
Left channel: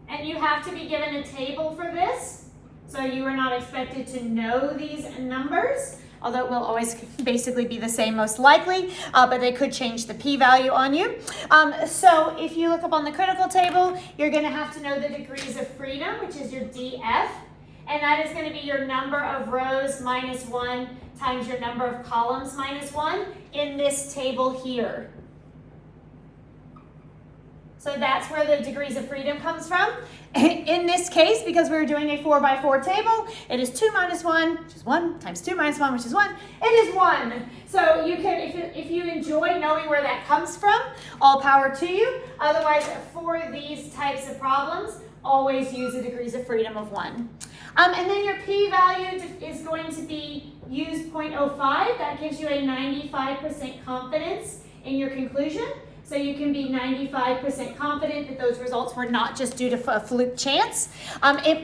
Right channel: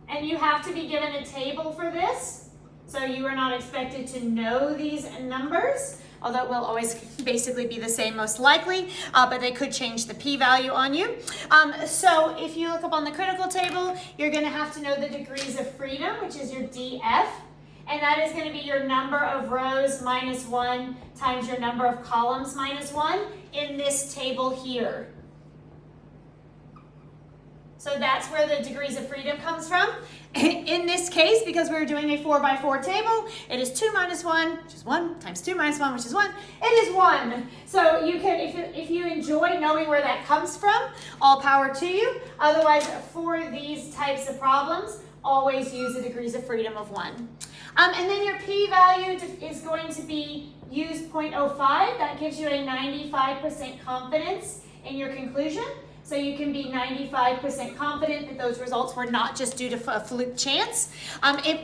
And you have to be given a table for this. So you are not expected to know these numbers, although it will always basically be the same most likely, but they could change the p-value on you. So if you look up on the critical table, you're going to have to know the degrees of freedom, which is your df, and that is going to be your number of rows minus 1 times your number of columns minus 1 in this table here. So that's where the degrees of freedom comes from. In this case, because we're doing a 4 by 4 table, it is 2 minus 1, which is 1, times 2 minus 1, which is 1. It is 1. So you can, if you enjoy knowing where that comes from, all power to you. Otherwise, for these types of problems, always use the degrees of freedom of 1. And then your p-value is going to be use 0.05. That gives you a 95% confidence in your conclusion. So you can be 95% confident that those results were not just due to a fluke chance.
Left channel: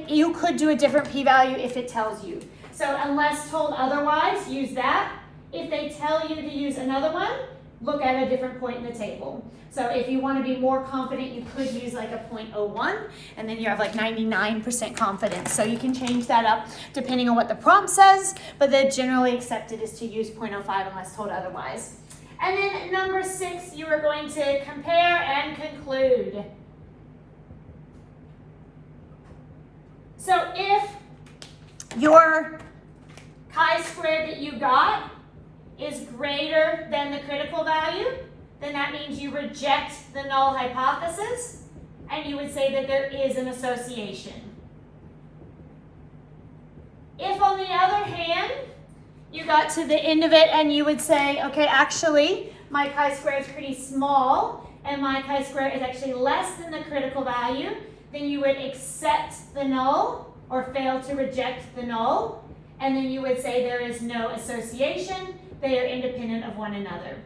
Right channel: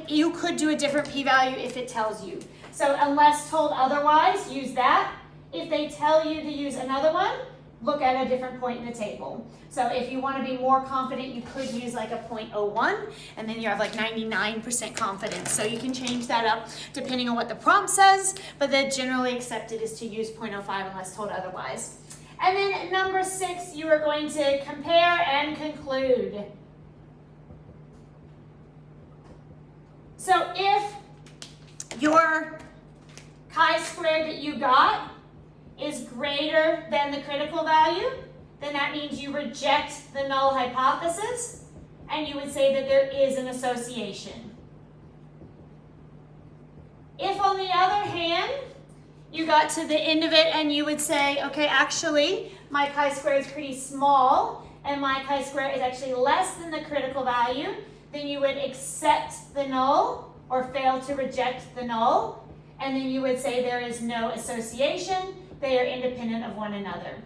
You could do a different p-value if it tells you. So unless told otherwise, use that. If they tell you to use another one, look at a different point in the table. So if you want to be more confident, you could use like a 0.01, and then you have like 99% confidence. So you can change that up depending on what the prompt says, but the generally accepted is to use 0.05 unless told otherwise. And then number 6, you are going to compare and conclude. So if your chi-squared that you got is greater than the critical value, then that means you reject the null hypothesis, and you would say that there is an association. If, on the other hand, you got to the end of it and you would say, okay, actually, my chi-square is pretty small, and my chi-square is actually less than the critical value, then you would accept the null or fail to reject the null, and then you would say there is no association. They are independent of one another.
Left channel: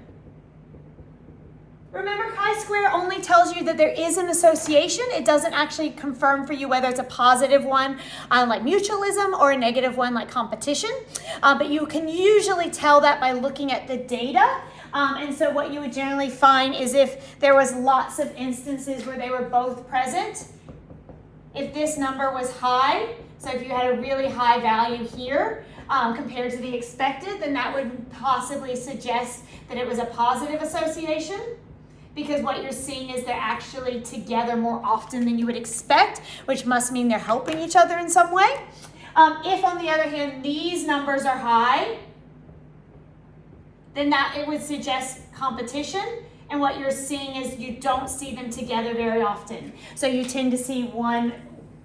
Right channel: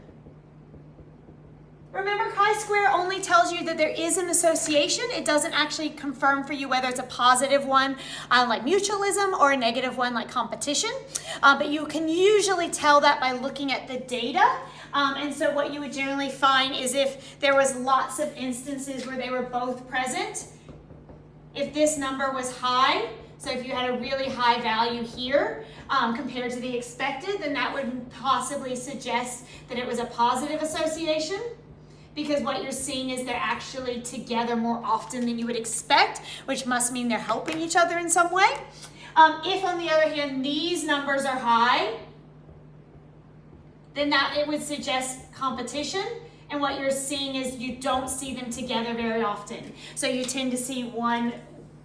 Remember, chi-square only tells you that there is an association. It doesn't actually confirm for you whether it's a positive one like mutualism or a negative one like competition. But you can usually tell that by looking at the data. And so what you would generally find is if there was lots of instances where they were both present, if this number was high, so if you had a really high value here compared to the expected, then that would possibly suggest that it was a positive association, because what you're seeing is they're actually together more often than you would expect, which must mean they're helping each other in some way. If, on the other hand, these numbers are high, then that it would suggest competition, And what you're seeing is you don't see them together very often. So you tend to see one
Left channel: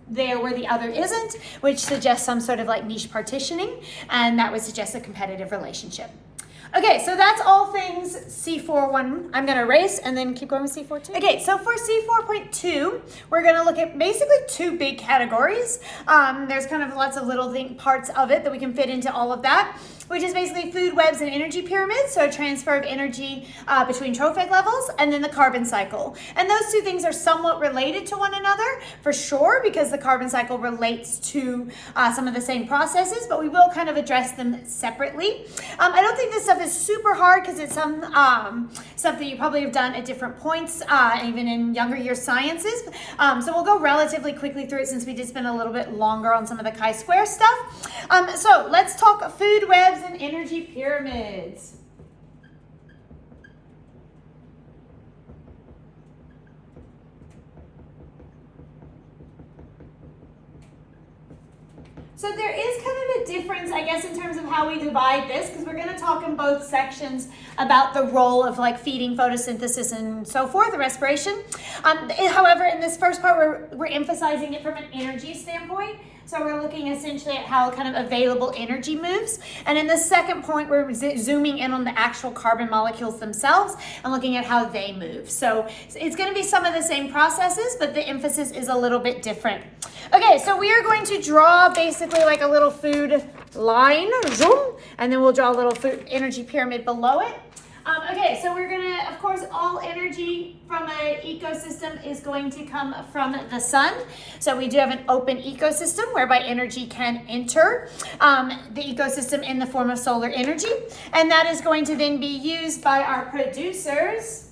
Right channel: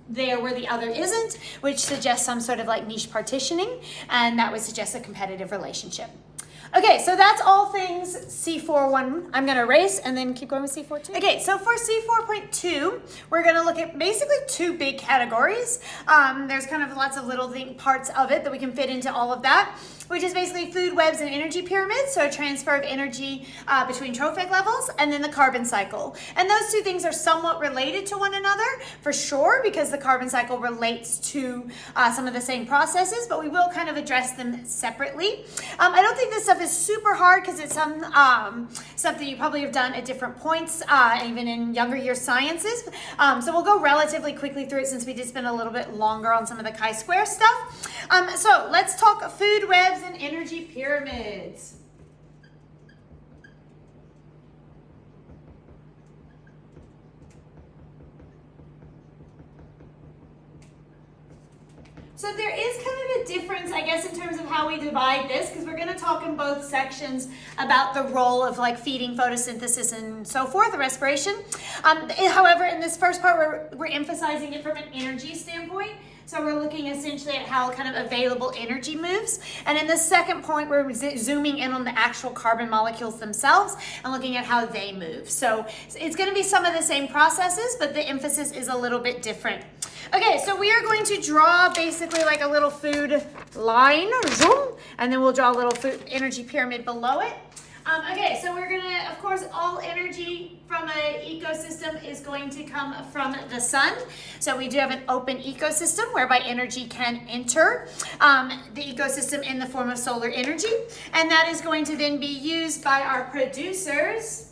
there where the other isn't, which suggests some sort of like niche partitioning, and that would suggest a competitive relationship. Okay, so that's all things C4.1. I'm going to erase and then keep going with C4.2. Okay, so for C4.2, we're going to look at basically two big categories. There's kind of lots of little parts of it that we can fit into all of that, which is basically food webs and energy pyramids, so transfer of energy between trophic levels, and then the carbon cycle. And those two things are somewhat related to one another, for sure, because the carbon cycle relates to some of the same processes, but we will kind of address them separately. I don't think this stuff is super hard because it's some stuff that you probably have done at different points, even in younger year sciences. So we'll go relatively quickly through it since we did spend a little bit longer on some of the chi-square stuff. So let's talk food webs and energy pyramids. So there is kind of a difference, I guess, in terms of how we divide this, because we're going to talk in both sections about the role of like feeding, photosynthesis, and so forth, the respiration. However, in this first part, we're emphasizing it from an energy standpoint. So we're looking essentially at how kind of available energy moves. And in the second point, we're zooming in on the actual carbon molecules themselves and looking at how they move. So it's going to be some of the same processes, but the emphasis is a little bit different. Okay, so we are going to draw basically like a little food line, zoom, and then we'll draw a little food energy pyramid below it. Okay, so we're going to, of course, all energy from an ecosystem is going to come from the sun. So we do have an open ecosystem whereby energy can enter the ecosystem in the form of solar energy. And that is going to then be used by our producers.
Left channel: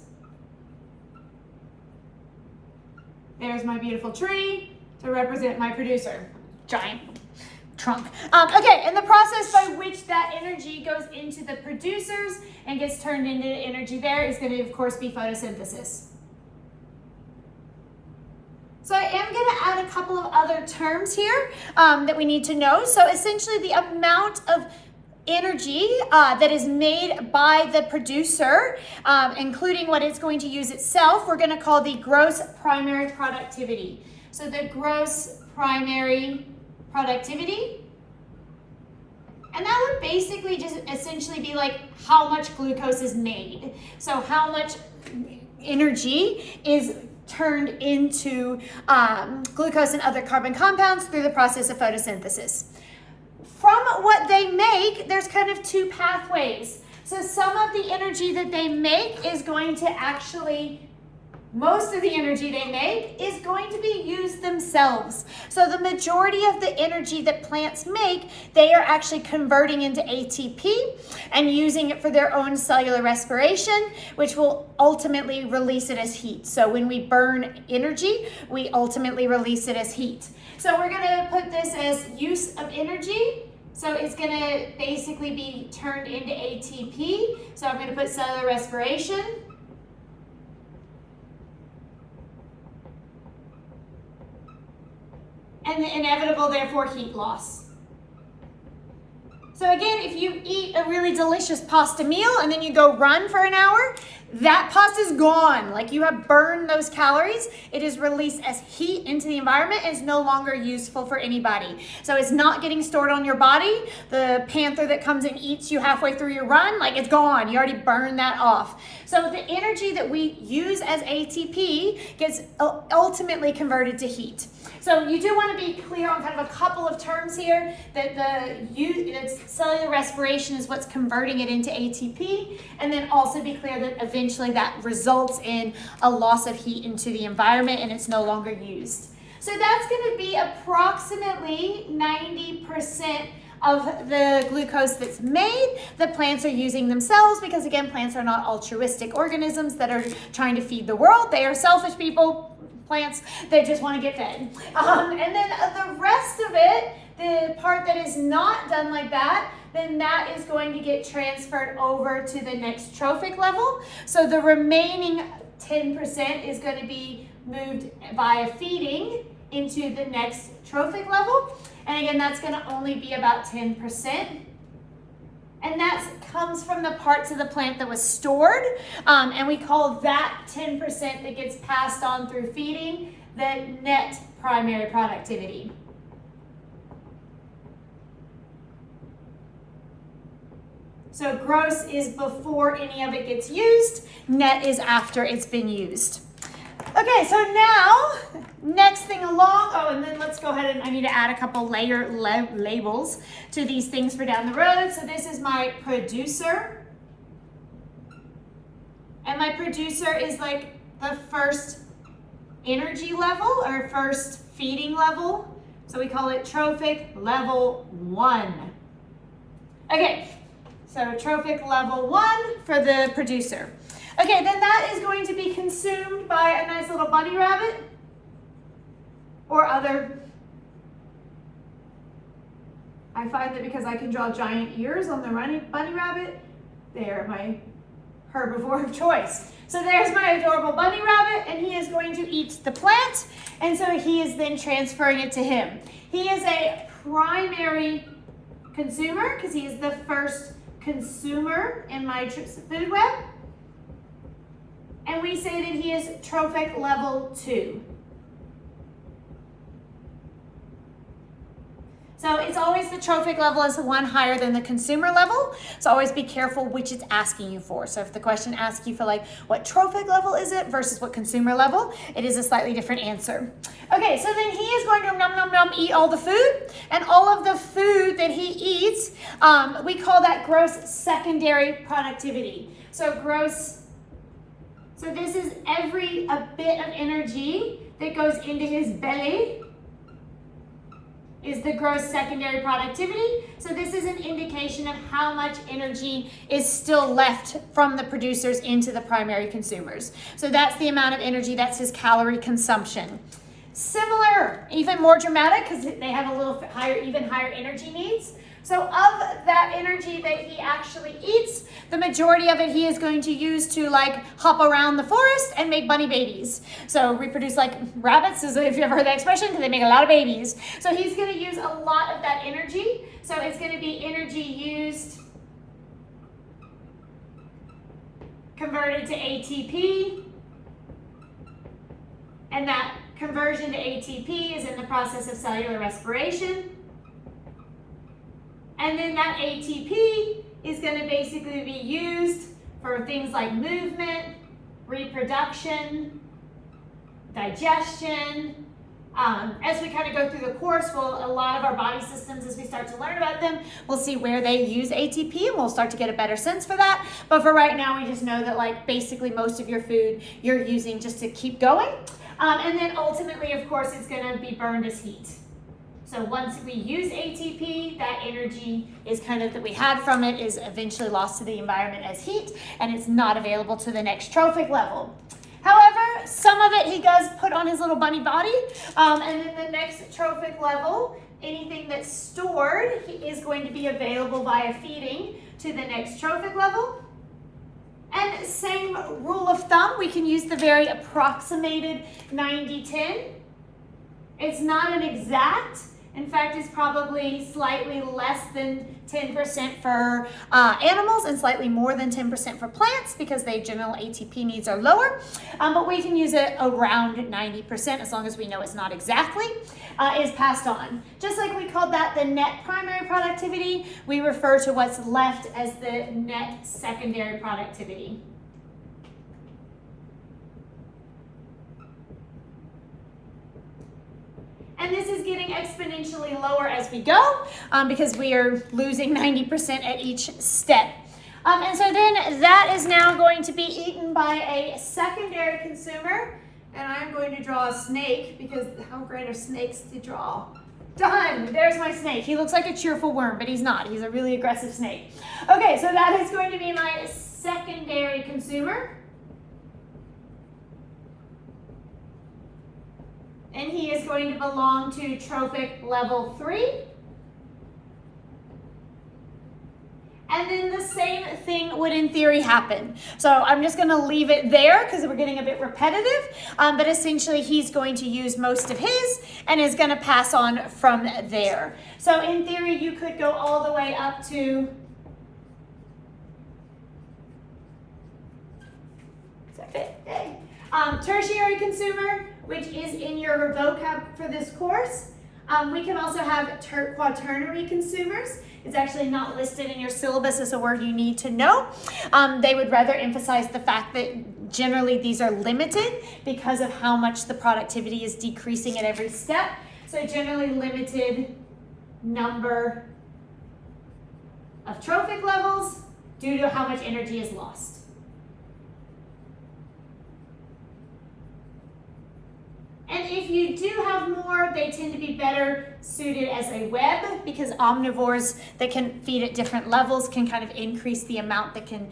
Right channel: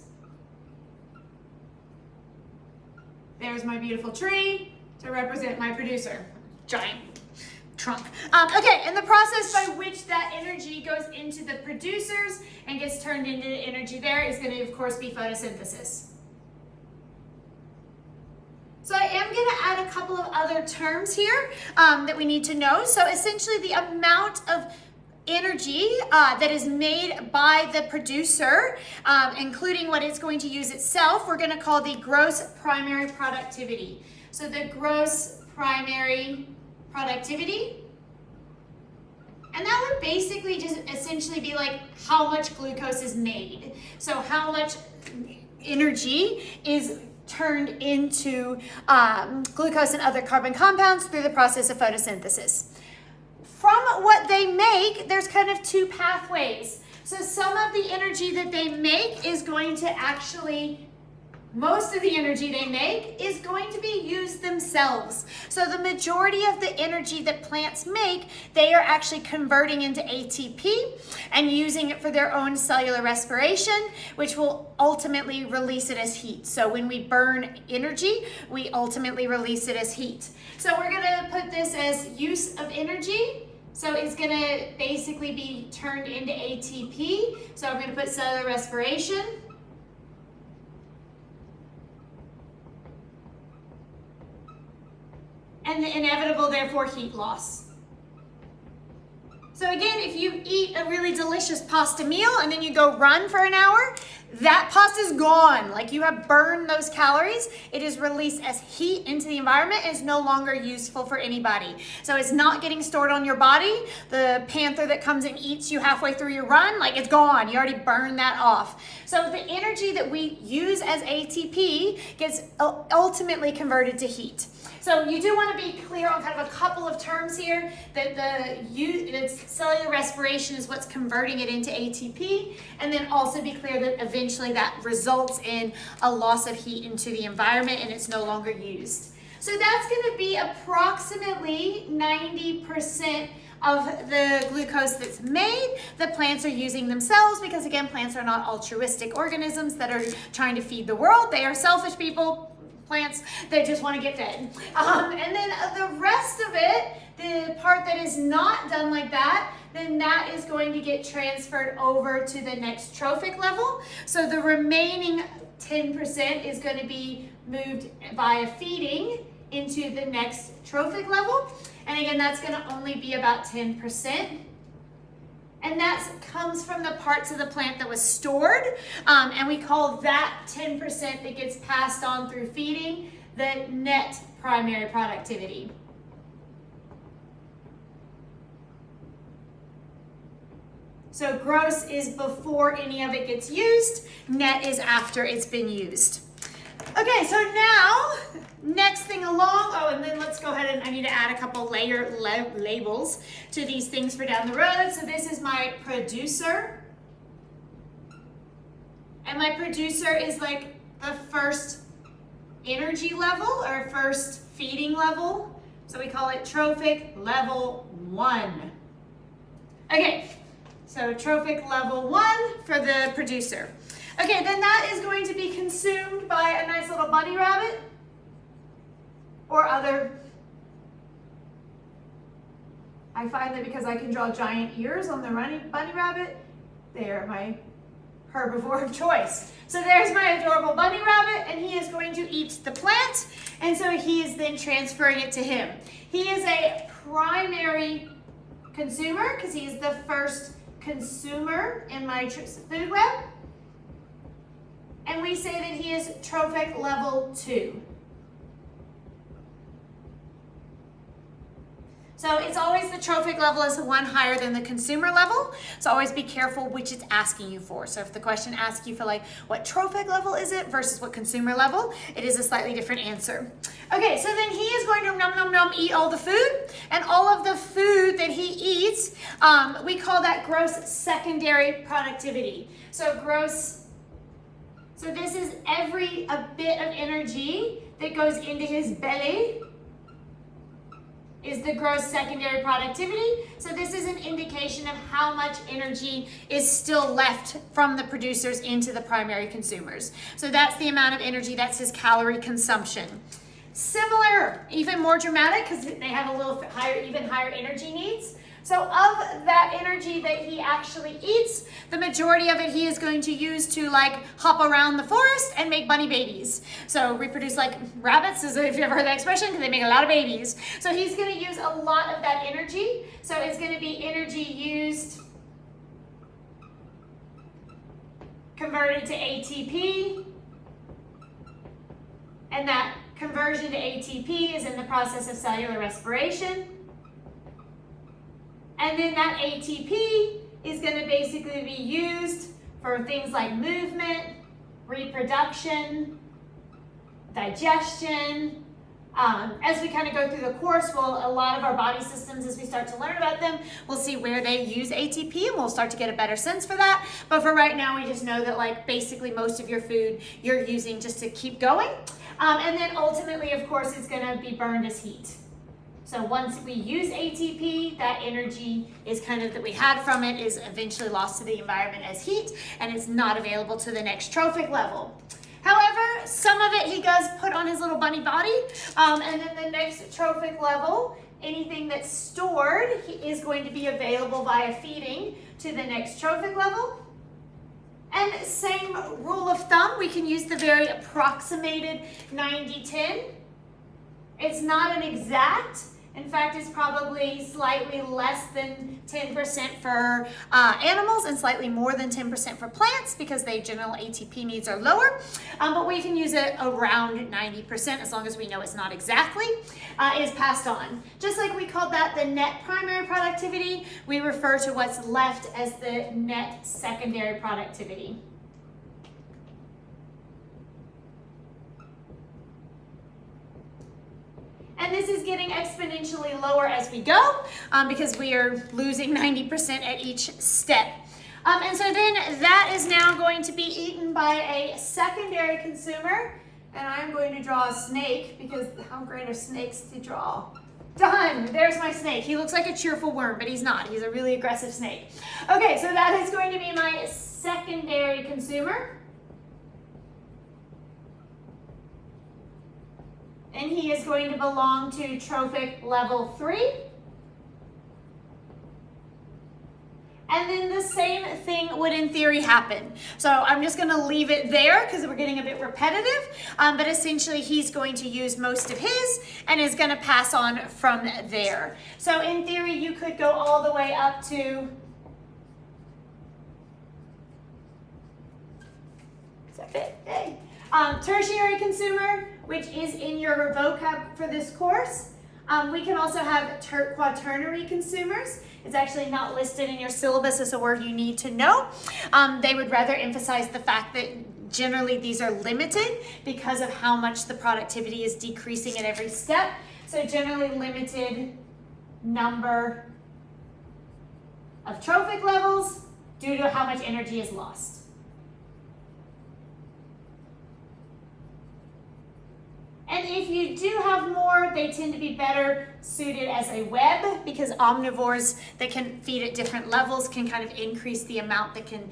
There's my beautiful tree to represent my producer. Giant trunk. Okay, and the process by which that energy goes into the producers and gets turned into energy there is going to, of course, be photosynthesis. So I am going to add a couple of other terms here that we need to know. So essentially the amount of energy that is made by the producer, including what it's going to use itself, we're going to call the gross primary productivity. So the gross primary productivity, and that would basically just essentially be like how much glucose is made. So how much energy is turned into glucose and other carbon compounds through the process of photosynthesis. From what they make, there's kind of two pathways. So some of the energy that they make is going to actually, most of the energy they make is going to be used themselves. So the majority of the energy that plants make, they are actually converting into ATP and using it for their own cellular respiration, which will ultimately release it as heat. So when we burn energy, we ultimately release it as heat. So we're going to put this as use of energy. So it's going to basically be turned into ATP. So I'm going to put cellular respiration. And the inevitable, therefore, heat loss. So again, if you eat a really delicious pasta meal and then you go run for an hour, that pasta is gone. Like you have burned those calories. It is released as heat into the environment and is no longer useful for anybody. So it's not getting stored on your body. The panther that comes and eats you halfway through your run, like it's gone. You already burned that off. So the energy that we use as ATP gets ultimately converted to heat. So you do want to be clear on kind of a couple of terms here, that the cellular respiration is what's converting it into ATP, and then also be clear that eventually that results in a loss of heat into the environment and it's no longer used. So that's going to be approximately 90% of the glucose that's made that plants are using themselves, because again, plants are not altruistic organisms that are trying to feed the world. They are selfish people. Plants, they just want to get fed. And then the rest of it, the part that is not done like that, then that is going to get transferred over to the next trophic level. So the remaining 10% is going to be moved via feeding into the next trophic level. And again, that's going to only be about 10%. And that comes from the parts of the plant that was stored. And we call that 10% that gets passed on through feeding the net primary productivity. So gross is before any of it gets used. Net is after it's been used. Okay, so now, next thing along, oh, and then let's go ahead and I need to add a couple labels to these things for down the road. So this is my producer. And my producer is like the first energy level or first feeding level. So we call it trophic level 1. Okay, so trophic level 1 for the producer. Okay, then that is going to be consumed by a nice little bunny rabbit or other. I find that because I can draw giant ears on the bunny rabbit, they're my herbivore of choice. So there's my adorable bunny rabbit, and he is going to eat the plant, and so he is then transferring it to him. He is a primary consumer because he is the first consumer in my food web. And we say that he is trophic level 2. So it's always the trophic level is one higher than the consumer level. So always be careful which it's asking you for. So if the question asks you for like what trophic level is it versus what consumer level, it is a slightly different answer. Okay, so then he is going to nom nom nom eat all the food, and all of the food that he eats, we call that gross secondary productivity. So so this is a bit of energy that goes into his belly is the gross secondary productivity. So this is an indication of how much energy is still left from the producers into the primary consumers. So that's the amount of energy, that's his calorie consumption. Similar, even more dramatic because they have a little higher, even higher energy needs. So of that energy that he actually eats, the majority of it he is going to use to like hop around the forest and make bunny babies. So reproduce like rabbits, if you've ever heard that expression, because they make a lot of babies. So he's going to use a lot of that energy. So it's going to be energy used, converted to ATP, and that conversion to ATP is in the process of cellular respiration. And then that ATP is going to basically be used for things like movement, reproduction, digestion. As we kind of go through the course, a lot of our body systems, as we start to learn about them, we'll see where they use ATP, and we'll start to get a better sense for that. But for right now, we just know that like basically most of your food you're using just to keep going. And then ultimately, of course, it's going to be burned as heat. So once we use ATP, that energy is kind of that we had from it is eventually lost to the environment as heat, and it's not available to the next trophic level. However, some of it he does put on his little bunny body, and then the next trophic level, anything that's stored is going to be available via feeding to the next trophic level. And same rule of thumb, we can use the very approximated 90-10. It's not an exact. In fact, it's probably slightly less than 10% for animals and slightly more than 10% for plants because their general ATP needs are lower. But we can use it around 90% as long as we know it's not exactly, is passed on. Just like we called that the net primary productivity, we refer to what's left as the net secondary productivity. And this is getting exponentially lower as we go because we are losing 90% at each step. And so then that is now going to be eaten by a secondary consumer. And I'm going to draw a snake because how great are snakes to draw? Done. There's my snake. He looks like a cheerful worm, but he's not. He's a really aggressive snake. Okay, so that is going to be my secondary consumer. And he is going to belong to trophic level 3. And then the same thing would in theory happen. So I'm just going to leave it there because we're getting a bit repetitive. But essentially he's going to use most of his and is going to pass on from there. So in theory you could go all the way up to that fit? Hey. Tertiary consumer, which is in your vocab for this course. We can also have quaternary consumers. It's actually not listed in your syllabus as a word you need to know. They would rather emphasize the fact that generally these are limited because of how much the productivity is decreasing at every step. So generally limited number of trophic levels due to how much energy is lost. And if you do have more, they tend to be better suited as a web because omnivores that can feed at different levels can kind of increase the amount that can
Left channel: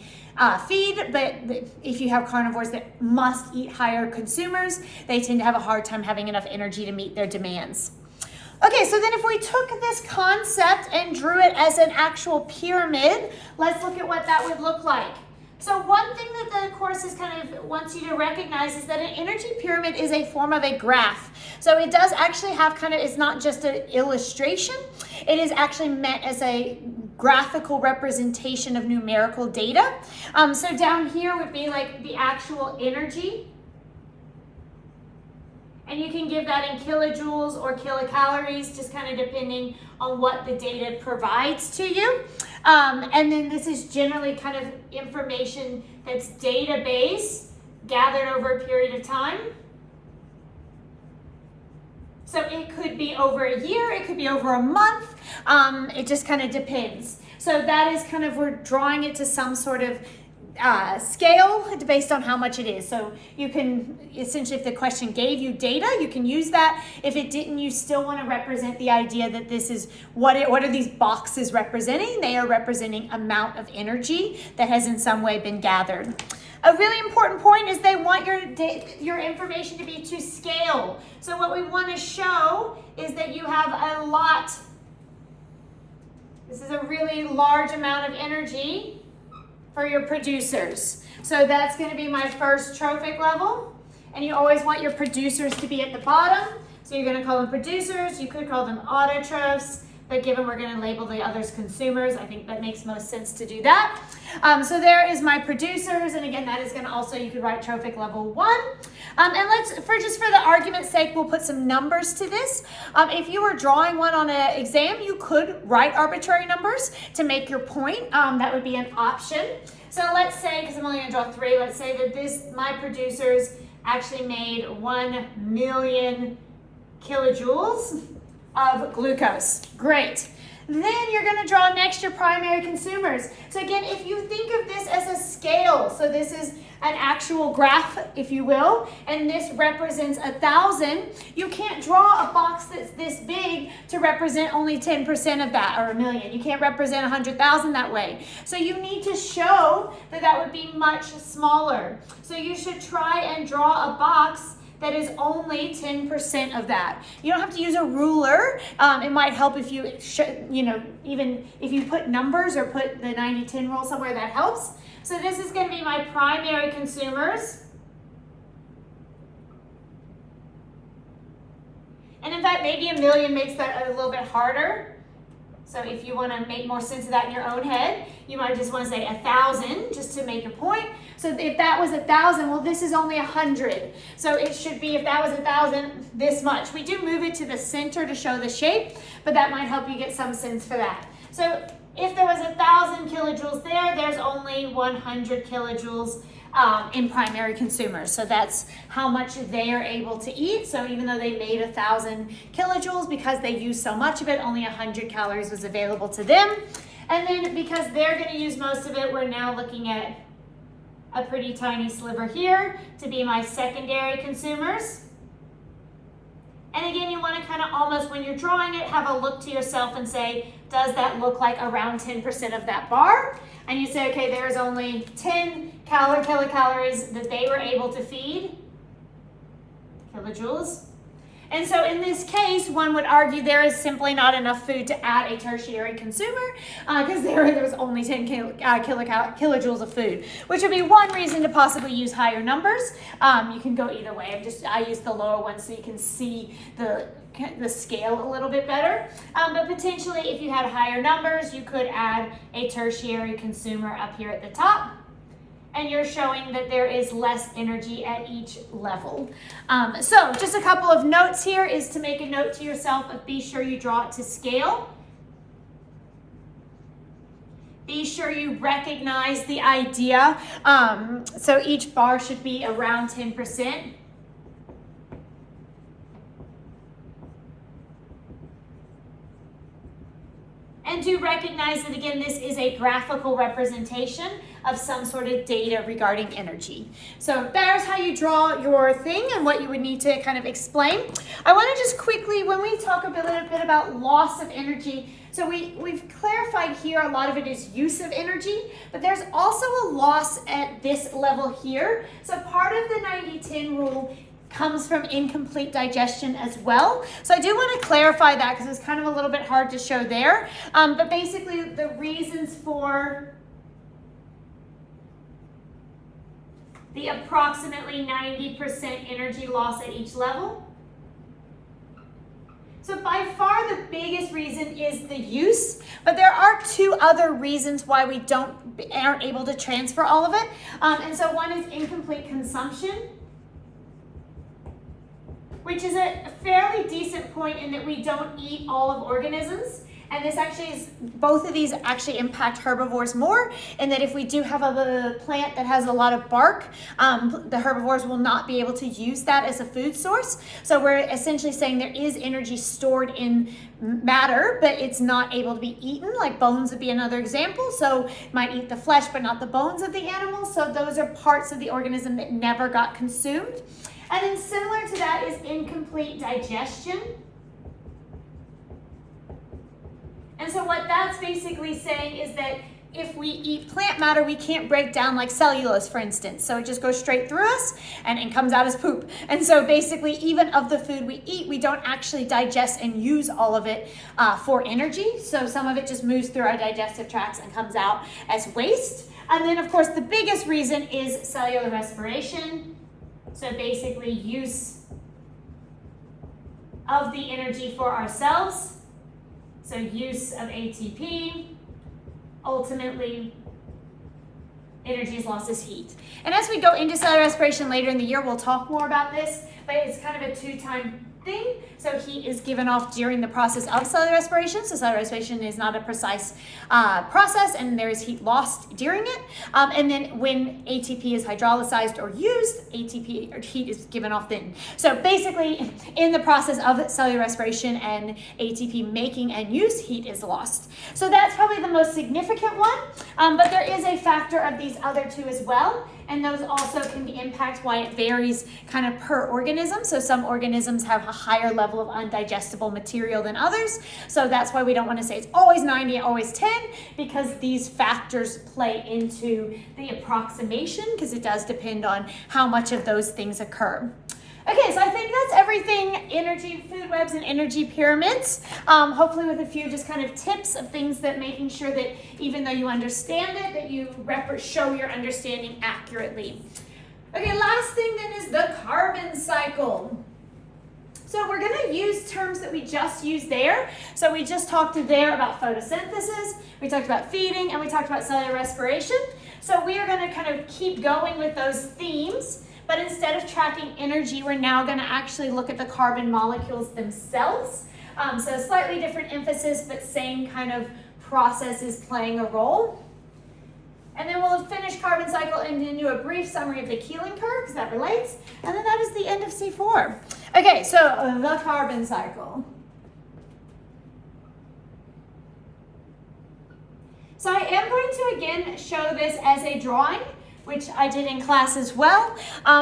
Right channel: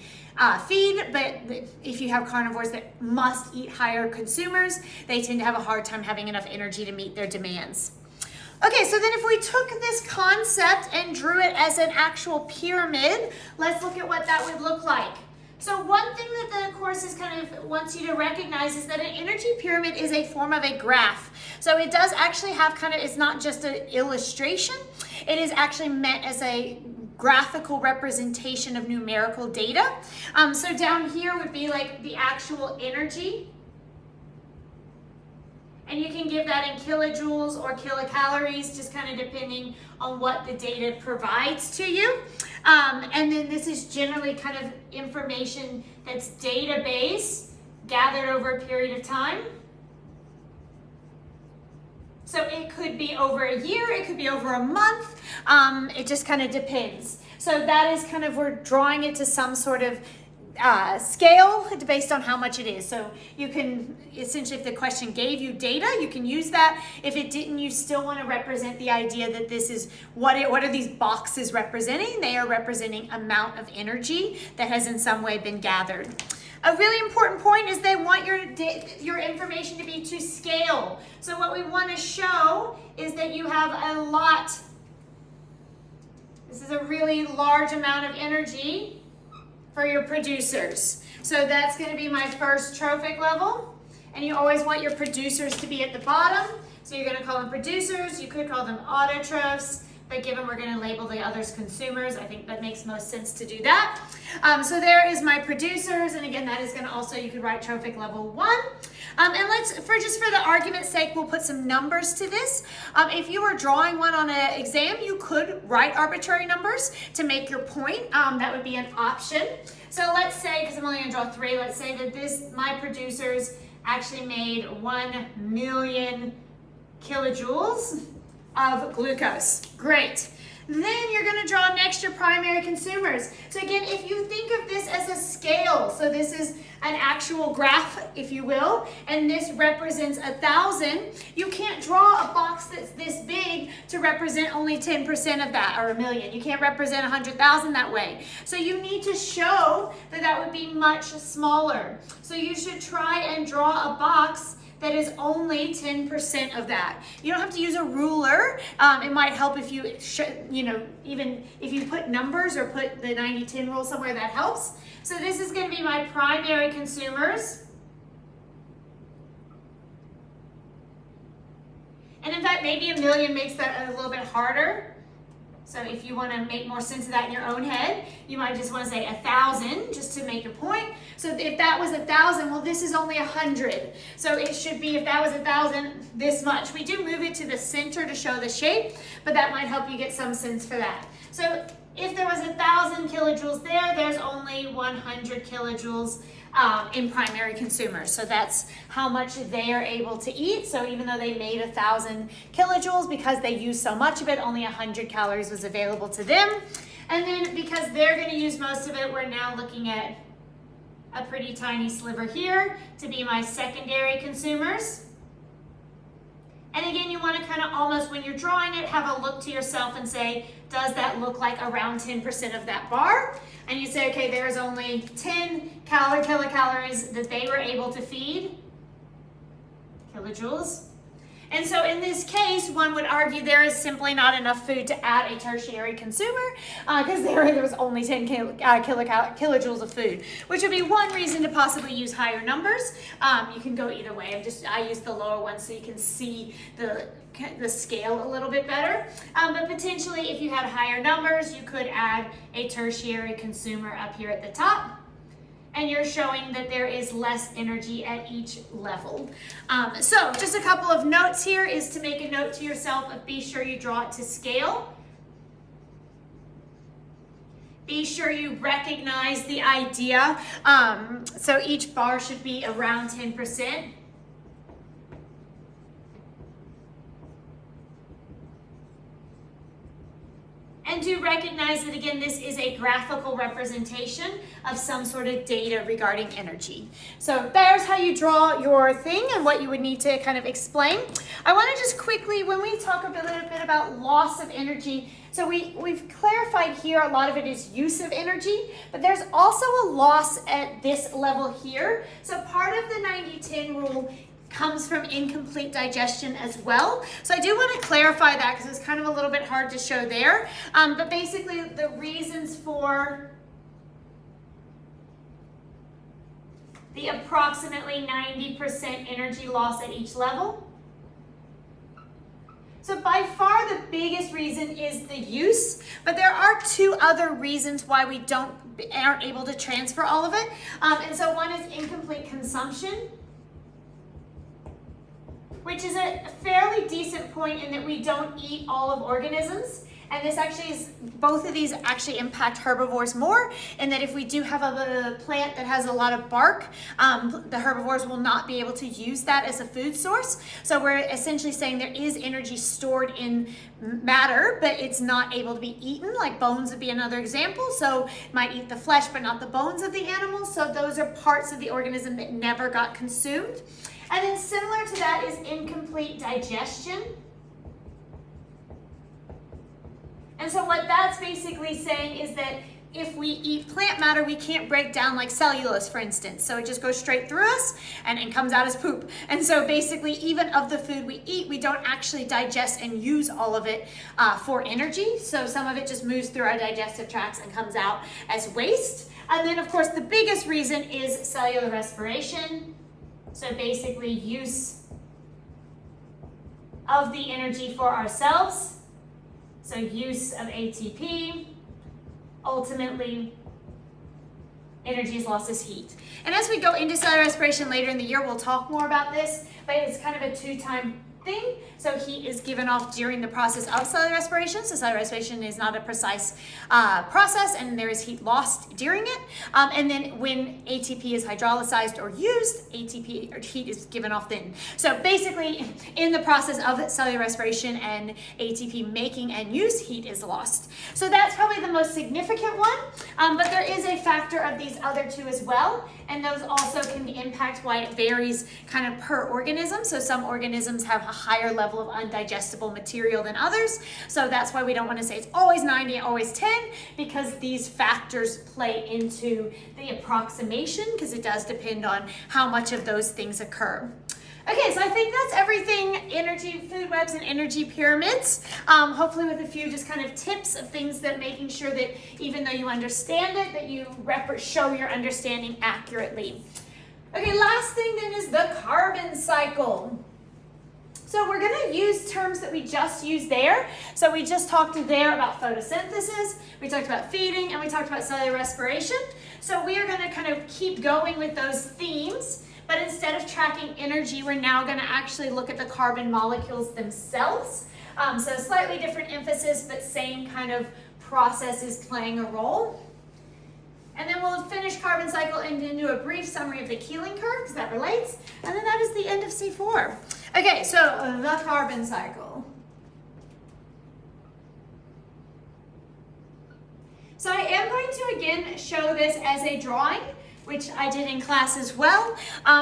feed. But if you have carnivores that must eat higher consumers, they tend to have a hard time having enough energy to meet their demands. Okay, so then if we took this concept and drew it as an actual pyramid, let's look at what that would look like. So one thing that the course is kind of wants you to recognize is that an energy pyramid is a form of a graph. So it does actually have kind of, it's not just an illustration, it is actually meant as a graphical representation of numerical data. So down here would be like the actual energy. And you can give that in kilojoules or kilocalories, just kind of depending on what the data provides to you. And then this is generally kind of information that's database gathered over a period of time. So it could be over a year, it could be over a month. It just kind of depends. So that is kind of, we're drawing it to some sort of scale based on how much it is. So you can essentially, if the question gave you data, you can use that. If it didn't, you still want to represent the idea that this is what are these boxes representing? They are representing amount of energy that has in some way been gathered. A really important point is they want your information to be to scale. So what we want to show is that you have a lot. This is a really large amount of energy for your producers. So that's going to be my first trophic level. And you always want your producers to be at the bottom. So you're going to call them producers. You could call them autotrophs, but given we're going to label the others consumers, I think that makes most sense to do that. So there is my producers. And again, that is going to also, you could write trophic level 1. And let's, just for the argument's sake, we'll put some numbers to this. If you were drawing one on an exam, you could write arbitrary numbers to make your point. That would be an option. So let's say, because I'm only going to draw 3, let's say that my producers actually made 1 million kilojoules of glucose. Great. Then you're going to draw next your primary consumers. So again, if you think of this as a scale, so this is an actual graph, if you will, and this represents 1,000, you can't draw a box that's this big to represent only 10% of that, or 1 million. You can't represent 100,000 that way. So you need to show that that would be much smaller. So you should try and draw a box that is only 10% of that. You don't have to use a ruler. It might help if you, even if you put numbers or put the 90-10 rule somewhere, that helps. So this is going to be my primary consumers. And in fact, maybe 1 million makes that a little bit harder. So if you want to make more sense of that in your own head, you might just want to say 1,000 just to make a point. So if that was 1,000, well, this is only 100. So it should be, if that was 1,000, this much. We do move it to the center to show the shape, but that might help you get some sense for that. So if there was 1,000 kilojoules there, there's only 100 kilojoules in primary consumers. So that's how much they are able to eat. So even though they made 1,000 kilojoules, because they used so much of it, only 100 calories was available to them. And then because they're going to use most of it, we're now looking at a pretty tiny sliver here to be my secondary consumers. And again, you want to kind of almost, when you're drawing it, have a look to yourself and say, does that look like around 10% of that bar? And you say, okay, there's only 10 kilocalories that they were able to feed, kilojoules. And so in this case, one would argue there is simply not enough food to add a tertiary consumer because there was only 10 kilojoules of food, which would be one reason to possibly use higher numbers. You can go either way. I use the lower one so you can see the scale a little bit better. But potentially, if you had higher numbers, you could add a tertiary consumer up here at the top. and you're showing that there is less energy at each level. So just a couple of notes here is to make a note to yourself of be sure you draw it to scale. Be sure you recognize the idea. So each bar should be around 10%. And do recognize that, again, this is a graphical representation of some sort of data regarding energy. So there's how you draw your thing and what you would need to kind of explain. I want to just quickly, when we talk a little bit about loss of energy, so we've clarified here a lot of it is use of energy, but there's also a loss at this level here. So part of the 90-10 rule comes from incomplete digestion as well. So I do want to clarify that because it's kind of a little bit hard to show there. But basically the reasons for the approximately 90% energy loss at each level. So by far the biggest reason is the use, but there are two other reasons why we aren't able to transfer all of it. And so one is incomplete consumption, which is a fairly decent point in that we don't eat all of organisms. And this actually is, both of these actually impact herbivores more, in that if we do have a plant that has a lot of bark, the herbivores will not be able to use that as a food source. So we're essentially saying there is energy stored in matter, but it's not able to be eaten, like bones would be another example. So it might eat the flesh, but not the bones of the animal. So those are parts of the organism that never got consumed. And then similar to that is incomplete digestion. And so what that's basically saying is that if we eat plant matter, we can't break down like cellulose, for instance. So it just goes straight through us and comes out as poop. And so basically, even of the food we eat, we don't actually digest and use all of it for energy. So some of it just moves through our digestive tracts and comes out as waste. And then, of course, the biggest reason is cellular respiration. So basically use of the energy for ourselves. So use of ATP, ultimately energy is lost as heat. And as we go into cellular respiration later in the year, we'll talk more about this, but it's kind of a two-time thing. So heat is given off during the process of cellular respiration. So cellular respiration is not a precise process, and there is heat lost during it. And then when ATP is hydrolyzed or used, ATP or heat is given off then. So basically, in the process of cellular respiration and ATP making and use, heat is lost. So that's probably the most significant one. But there is a factor of these other two as well. And those also can impact why it varies kind of per organism. So some organisms have a higher level of undigestible material than others. So that's why we don't want to say it's always 90, always 10, because these factors play into the approximation, because it does depend on how much of those things occur. Okay, so I think that's everything energy, food webs, and energy pyramids. Hopefully with a few just kind of tips of things that making sure that even though you understand it, that you show your understanding accurately. Okay, last thing then is the carbon cycle. So we're going to use terms that we just used there. So we just talked there about photosynthesis, we talked about feeding, and we talked about cellular respiration. So we are going to kind of keep going with those themes. But instead of tracking energy, we're now going to actually look at the carbon molecules themselves. So slightly different emphasis, but same kind of processes playing a role. And then we'll finish carbon cycle and then do a brief summary of the Keeling curve, because that relates. And then that is the end of C4. Okay, so the carbon cycle. So I am going to again show this as a drawing, which I did in class as well.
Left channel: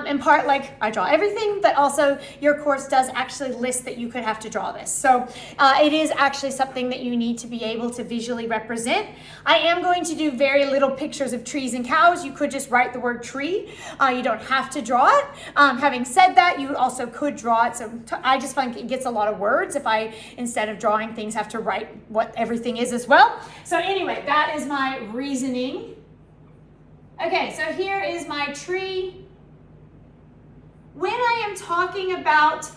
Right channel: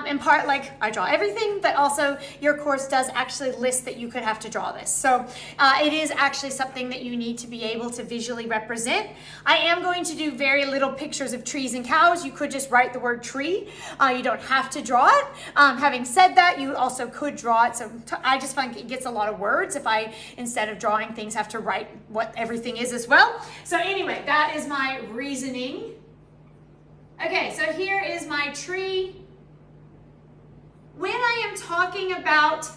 In part, like I draw everything, but also your course does actually list that you could have to draw this. So it is actually something that you need to be able to visually represent. I am going to do very little pictures of trees and cows. You could just write the word tree. You don't have to draw it. Having said that, you also could draw it. So I just find it gets a lot of words if I, instead of drawing things, have to write what everything is as well. So anyway, that is my reasoning. Okay, so here is my tree. When I am talking about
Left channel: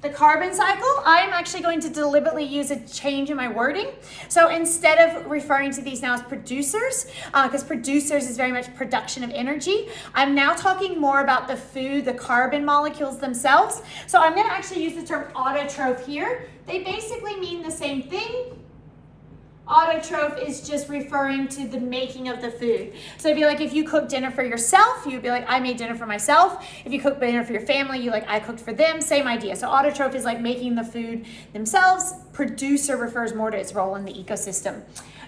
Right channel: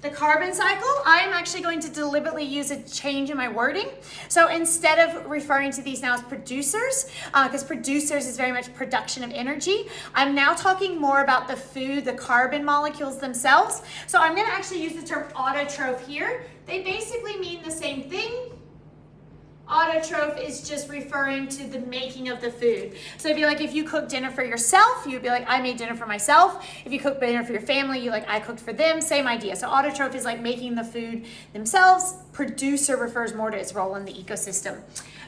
the carbon cycle, I am actually going to deliberately use a change in my wording. So instead of referring to these now as producers, because producers is very much production of energy, I'm now talking more about the food, the carbon molecules themselves. So I'm going to actually use the term autotroph here. They basically mean the same thing. Autotroph is just referring to the making of the food. So it'd be like if you cook dinner for yourself, you'd be like, I made dinner for myself. If you cook dinner for your family, you like, I cooked for them. Same idea. So autotroph is like making the food themselves. Producer refers more to its role in the ecosystem.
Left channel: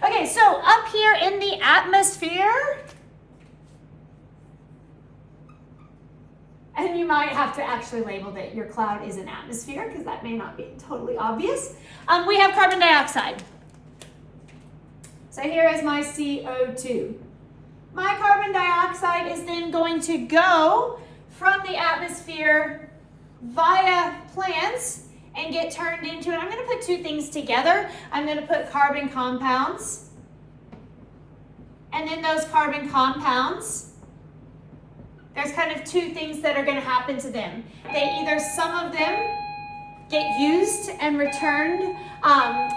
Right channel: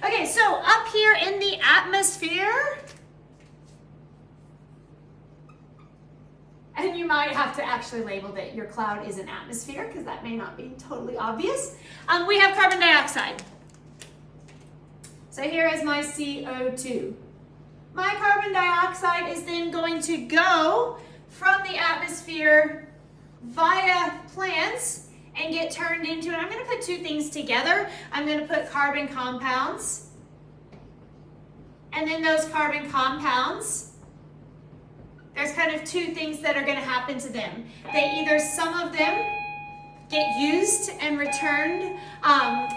Okay, so up here in the atmosphere, and you might have to actually label that your cloud is an atmosphere because that may not be totally obvious. We have carbon dioxide. So here is my CO2. My carbon dioxide is then going to go from the atmosphere via plants and get turned into, and I'm going to put two things together. I'm going to put carbon compounds, and then those carbon compounds, there's kind of two things that are going to happen to them. Some of them get used and returned,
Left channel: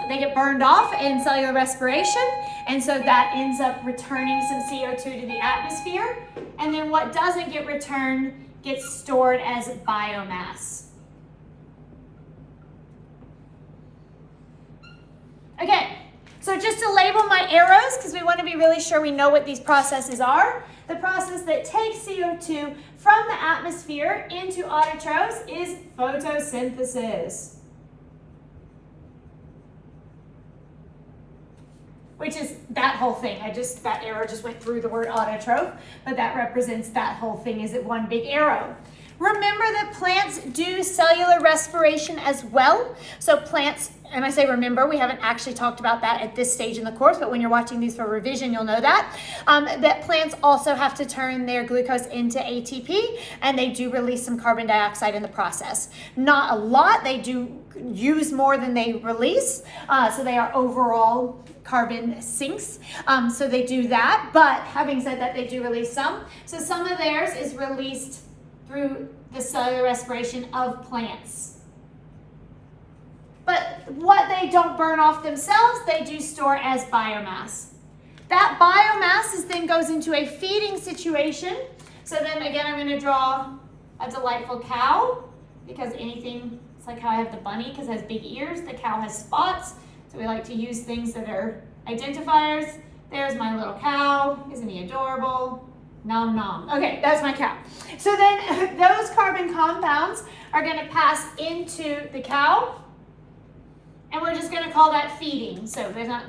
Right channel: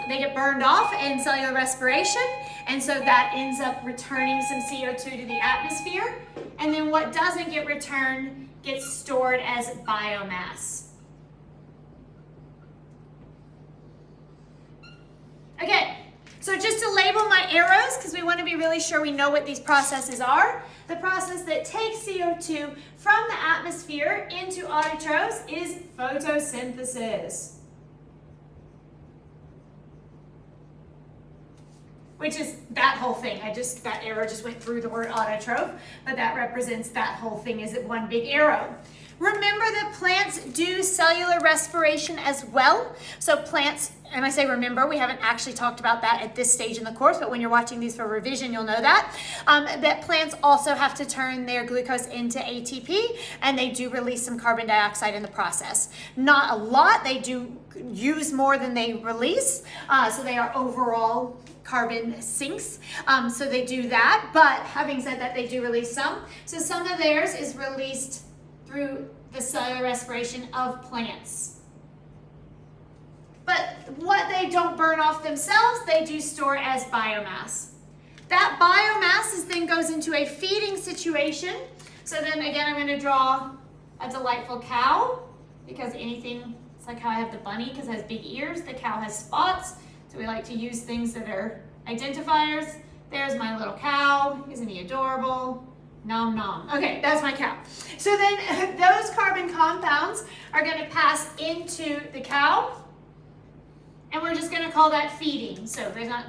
they get burned off in cellular respiration, and so that ends up returning some CO2 to the atmosphere, and then what doesn't get returned gets stored as biomass. Okay, so just to label my arrows, because we want to be really sure we know what these processes are. The process that takes CO2 from the atmosphere into autotrophs is photosynthesis, which is that whole thing. That arrow just went through the word autotroph, but that represents that whole thing as one big arrow. Remember that plants do cellular respiration as well. So plants, and I say remember, we haven't actually talked about that at this stage in the course, but when you're watching these for revision, you'll know that. That plants also have to turn their glucose into ATP, and they do release some carbon dioxide in the process. Not a lot, they do use more than they release, so they are overall carbon sinks, so they do that. But having said that, they do release some. So some of theirs is released through the cellular respiration of plants. But what they don't burn off themselves, they do store as biomass. That biomass then goes into a feeding situation. So then again, I'm going to draw a delightful cow, because anything, it's like how I have the bunny because it has big ears. The cow has spots, so we like to use things that are identifiers. There's my little cow. Isn't he adorable? Nom nom. Okay, that's my cow. So then those carbon compounds are going to pass into the cow, and we're just going to call that feeding. So there's not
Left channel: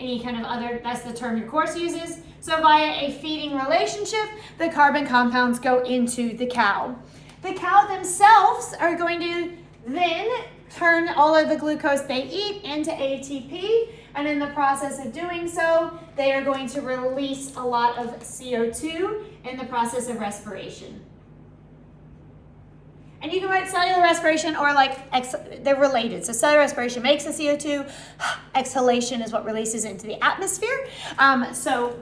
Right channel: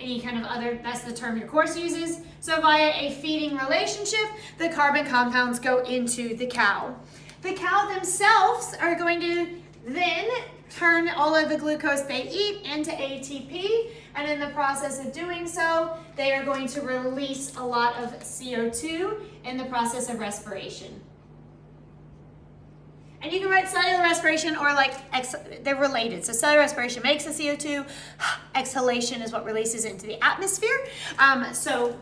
any kind of other, that's the term your course uses. So via a feeding relationship, the carbon compounds go into the cow. The cow themselves are going to then turn all of the glucose they eat into ATP, and in the process of doing so, they are going to release a lot of CO2 in the process of respiration. And you can write cellular respiration or they're related. So cellular respiration makes the CO2, exhalation is what releases into the atmosphere. So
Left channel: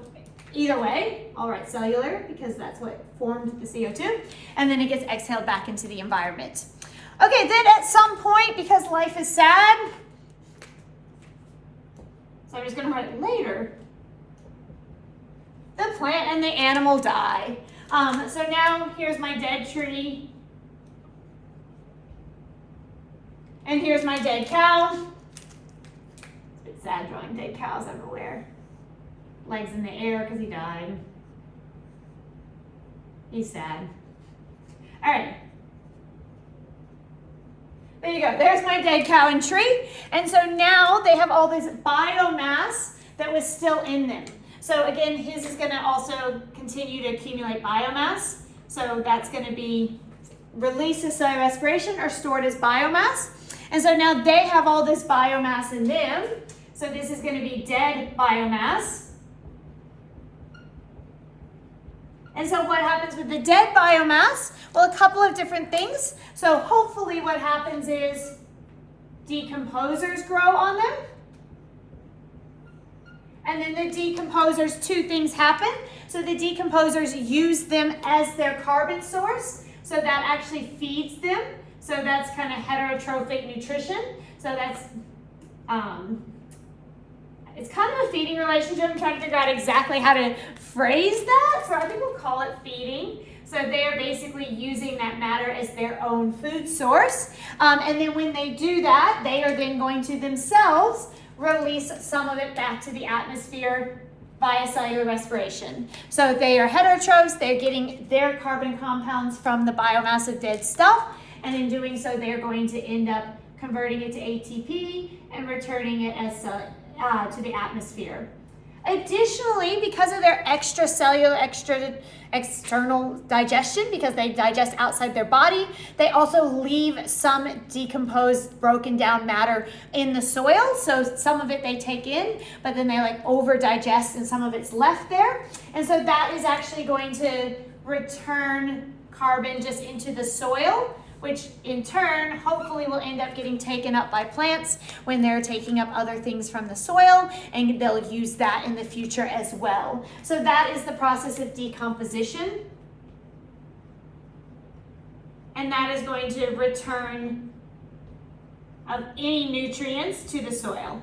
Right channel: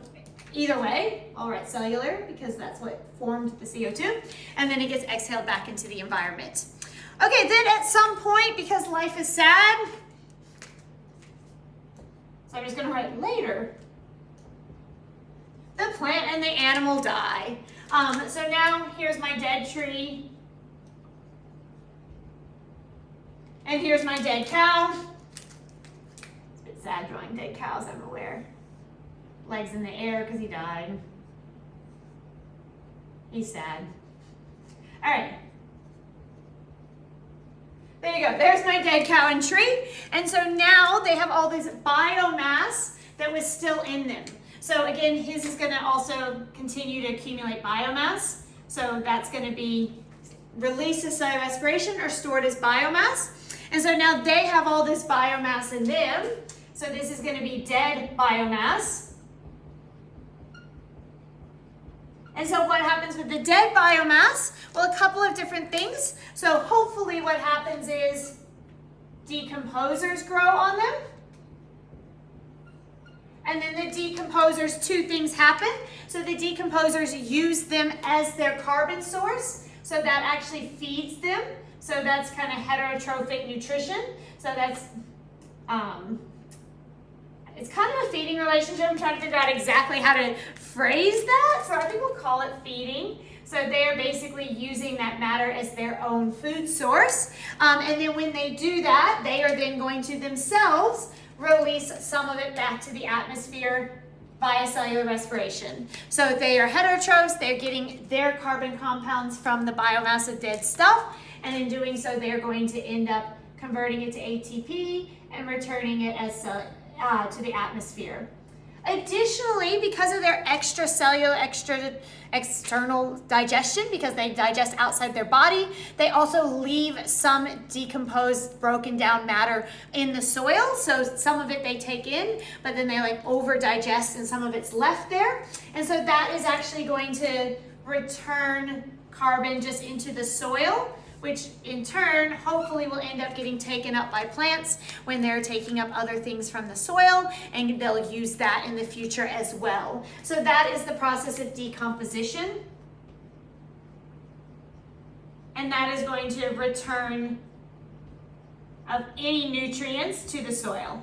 either way, I'll write cellular because that's what formed the CO2, and then it gets exhaled back into the environment. Okay, then at some point, because life is sad, so I'm just going to write later, the plant and the animal die. So now here's my dead tree, and here's my dead cow. It's a bit sad drawing dead cows everywhere. Legs in the air because he died. He's sad. All right. There you go, there's my dead cow and tree. And so now they have all this biomass that was still in them. So again, his is gonna also continue to accumulate biomass. So that's gonna be released as cellular respiration or stored as biomass. And so now they have all this biomass in them. So this is gonna be dead biomass. And so what happens with the dead biomass? Well, a couple of different things. So hopefully what happens is decomposers grow on them. And then the decomposers, two things happen. So the decomposers use them as their carbon source. So that actually feeds them. So that's kind of heterotrophic nutrition. So that's, it's kind of a feeding relationship. I'm trying to figure out exactly how to phrase that. So I think we'll call it feeding. So they're basically using that matter as their own food source. And then when they do that, they are then going to themselves release some of it back to the atmosphere via cellular respiration. So they are heterotrophs, they're getting their carbon compounds from the biomass of dead stuff, and in doing so, they're going to end up converting it to ATP and returning it as to the atmosphere. Additionally, because of their external digestion, because they digest outside their body, they also leave some decomposed, broken down matter in the soil. So some of it they take in, but then they like over digest and some of it's left there. And so that is actually going to return carbon just into the soil, which in turn hopefully will end up getting taken up by plants when they're taking up other things from the soil, and they'll use that in the future as well. So that is the process of decomposition, and that is going to return of any nutrients to the soil.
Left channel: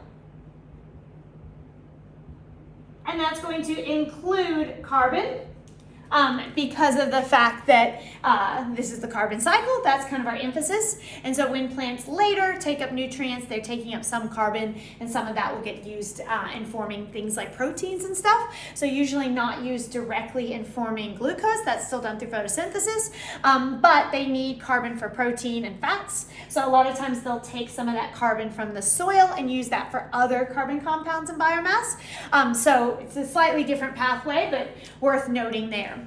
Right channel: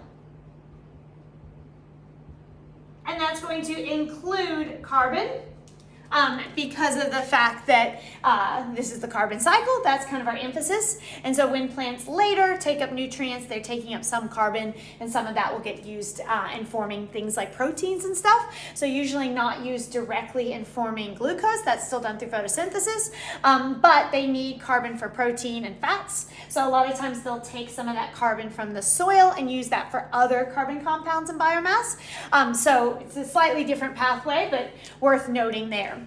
And that's going to include carbon, because of the fact that this is the carbon cycle. That's kind of our emphasis. And so when plants later take up nutrients, they're taking up some carbon, and some of that will get used in forming things like proteins and stuff. So usually not used directly in forming glucose. That's still done through photosynthesis, but they need carbon for protein and fats. So a lot of times they'll take some of that carbon from the soil and use that for other carbon compounds and biomass. So it's a slightly different pathway, but worth noting there.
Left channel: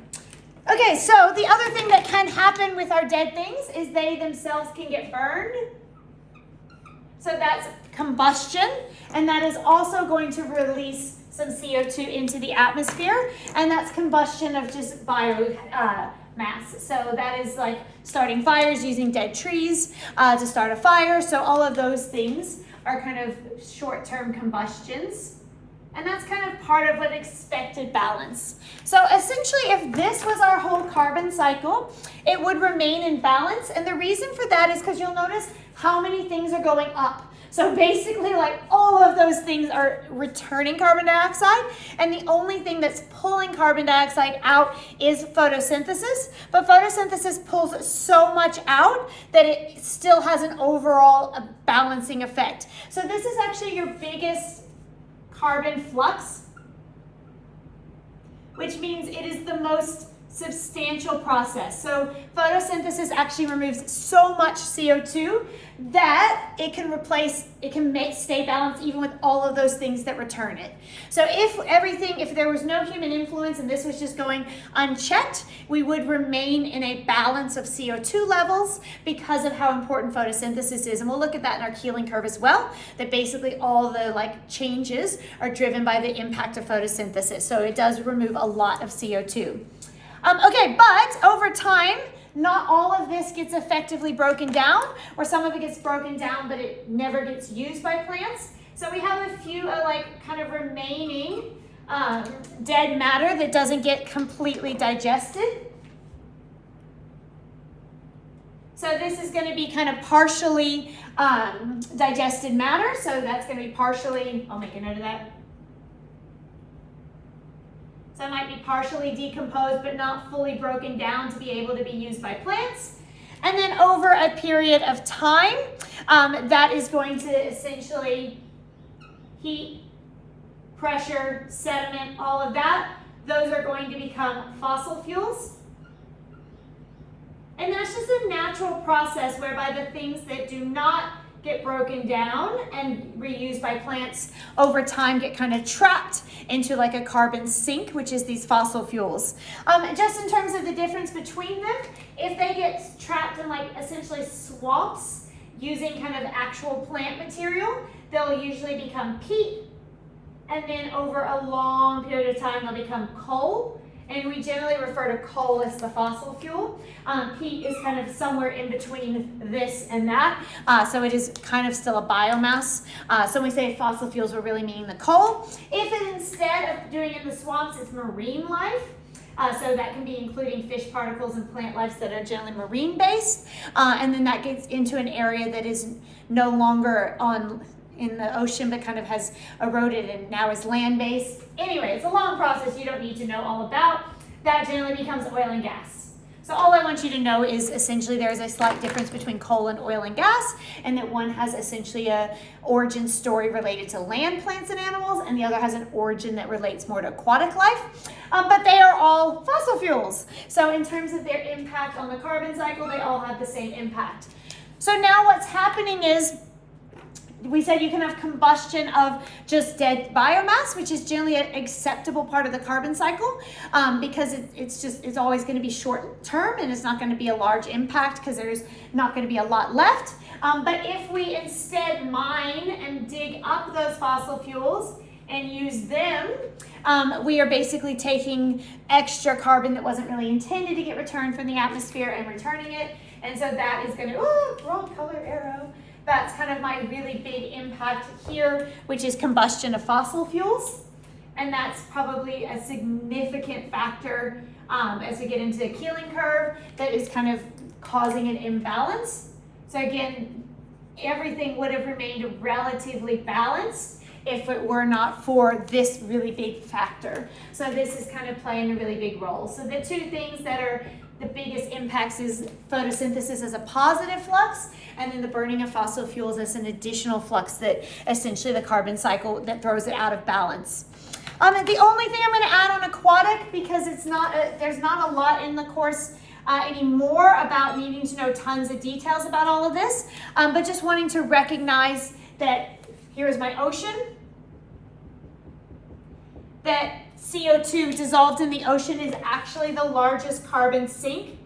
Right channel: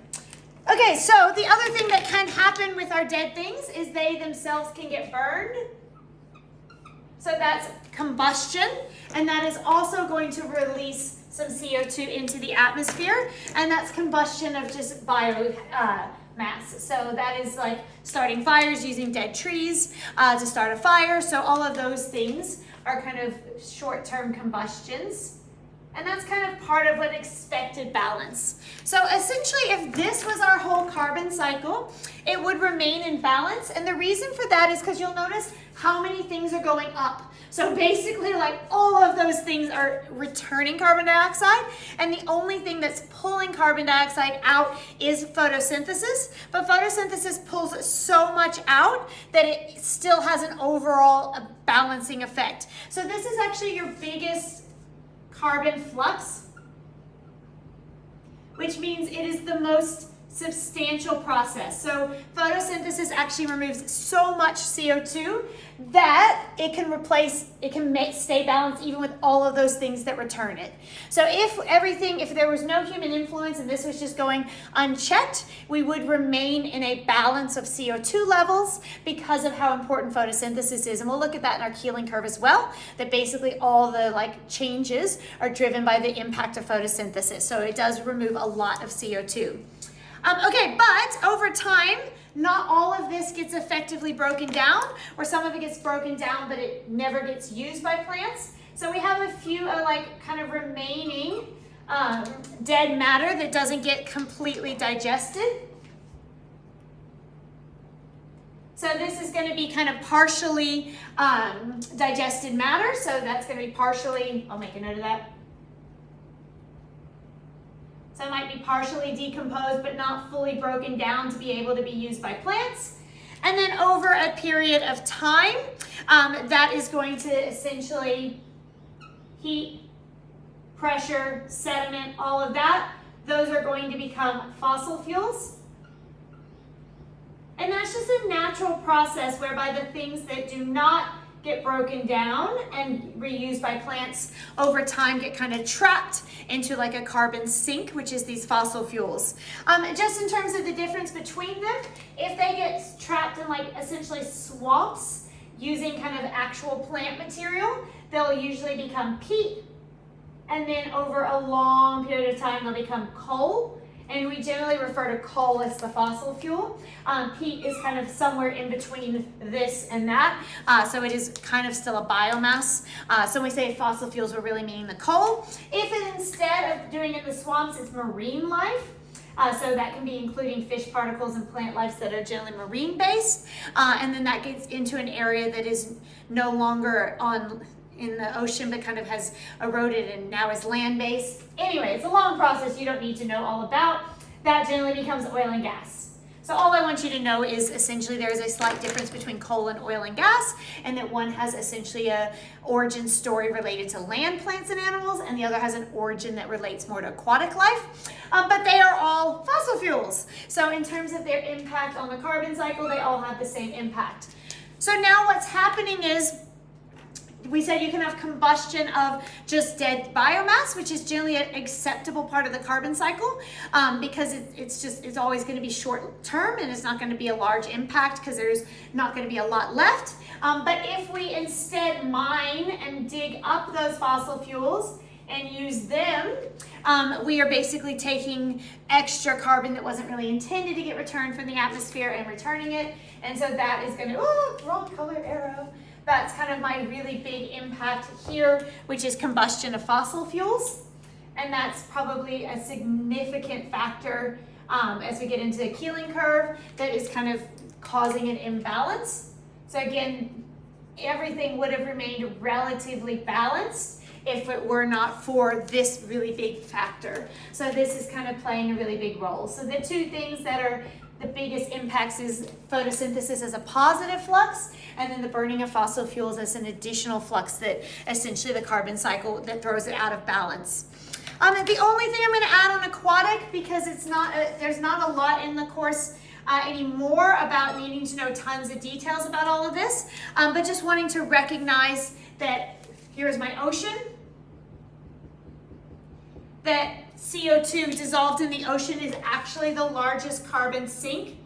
Okay, so the other thing that can happen with our dead things is they themselves can get burned. So that's combustion, and that is also going to release some CO2 into the atmosphere, and that's combustion of just biomass. So that is like starting fires, using dead trees to start a fire. So all of those things are kind of short-term combustions. And that's kind of part of an expected balance. So essentially, if this was our whole carbon cycle, it would remain in balance. And the reason for that is because you'll notice how many things are going up. So basically, like all of those things are returning carbon dioxide, and the only thing that's pulling carbon dioxide out is photosynthesis. But photosynthesis pulls so much out that it still has an overall balancing effect. So this is actually your biggest carbon flux, which means it is the most substantial process. So photosynthesis actually removes so much CO2 that it can stay balanced even with all of those things that return it. So if there was no human influence and this was just going unchecked, we would remain in a balance of CO2 levels because of how important photosynthesis is. And we'll look at that in our Keeling curve as well, that basically all the changes are driven by the impact of photosynthesis. So it does remove a lot of CO2. Okay, but over time, not all of this gets effectively broken down, or some of it gets broken down, but it never gets used by plants. So we have a few kind of remaining dead matter that doesn't get completely digested. So this is going to be kind of partially digested matter. So that's going to be partially, I'll make a note of that. So it might be partially decomposed, but not fully broken down to be able to be used by plants. And then over a period of time, that is going to essentially heat, pressure, sediment, all of that, those are going to become fossil fuels. And that's just a natural process whereby the things that do not get broken down and reused by plants over time get kind of trapped into a carbon sink, which is these fossil fuels. Just in terms of the difference between them, if they get trapped in essentially swamps using kind of actual plant material, they'll usually become peat, and then over a long period of time they'll become coal. And we generally refer to coal as the fossil fuel. Peat is kind of somewhere in between this and that. So it is kind of still a biomass. So when we say fossil fuels, we're really meaning the coal. If it, instead of doing it in the swamps, it's marine life, So that can be including fish particles and plant life that are generally marine based. And then that gets into an area that is no longer in the ocean, but kind of has eroded and now is land based. Anyway, it's a long process you don't need to know all about. That generally becomes oil and gas. So all I want you to know is essentially there is a slight difference between coal and oil and gas, and that one has essentially a origin story related to land plants and animals, and the other has an origin that relates more to aquatic life. But they are all fossil fuels. So in terms of their impact on the carbon cycle, they all have the same impact. So now what's happening is, we said you can have combustion of just dead biomass, which is generally an acceptable part of the carbon cycle, because it's always going to be short term and it's not going to be a large impact because there's not going to be a lot left. But if we instead mine and dig up those fossil fuels and use them, we are basically taking extra carbon that wasn't really intended to get returned from the atmosphere and returning it. And so that is going to, wrong color arrow. That's kind of my really big impact here, which is combustion of fossil fuels. And that's probably a significant factor as we get into the Keeling curve that is kind of causing an imbalance. So again, everything would have remained relatively balanced if it were not for this really big factor. So this is kind of playing a really big role. So the two things that are the biggest impacts is photosynthesis as a positive flux, and then the burning of fossil fuels as an additional flux that essentially the carbon cycle that throws it out of balance. The only thing I'm going to add on aquatic, because it's not there's not a lot in the course anymore about needing to know tons of details about all of this, but just wanting to recognize that here's my ocean, that CO2 dissolved in the ocean is actually the largest carbon sink.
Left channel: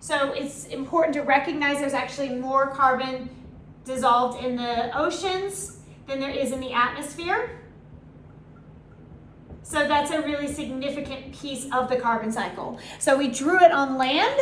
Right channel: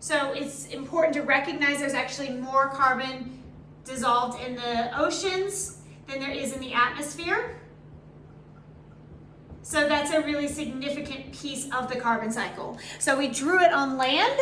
So it's important to recognize there's actually more carbon dissolved in the oceans than there is in the atmosphere. So that's a really significant piece of the carbon cycle. So we drew it on land,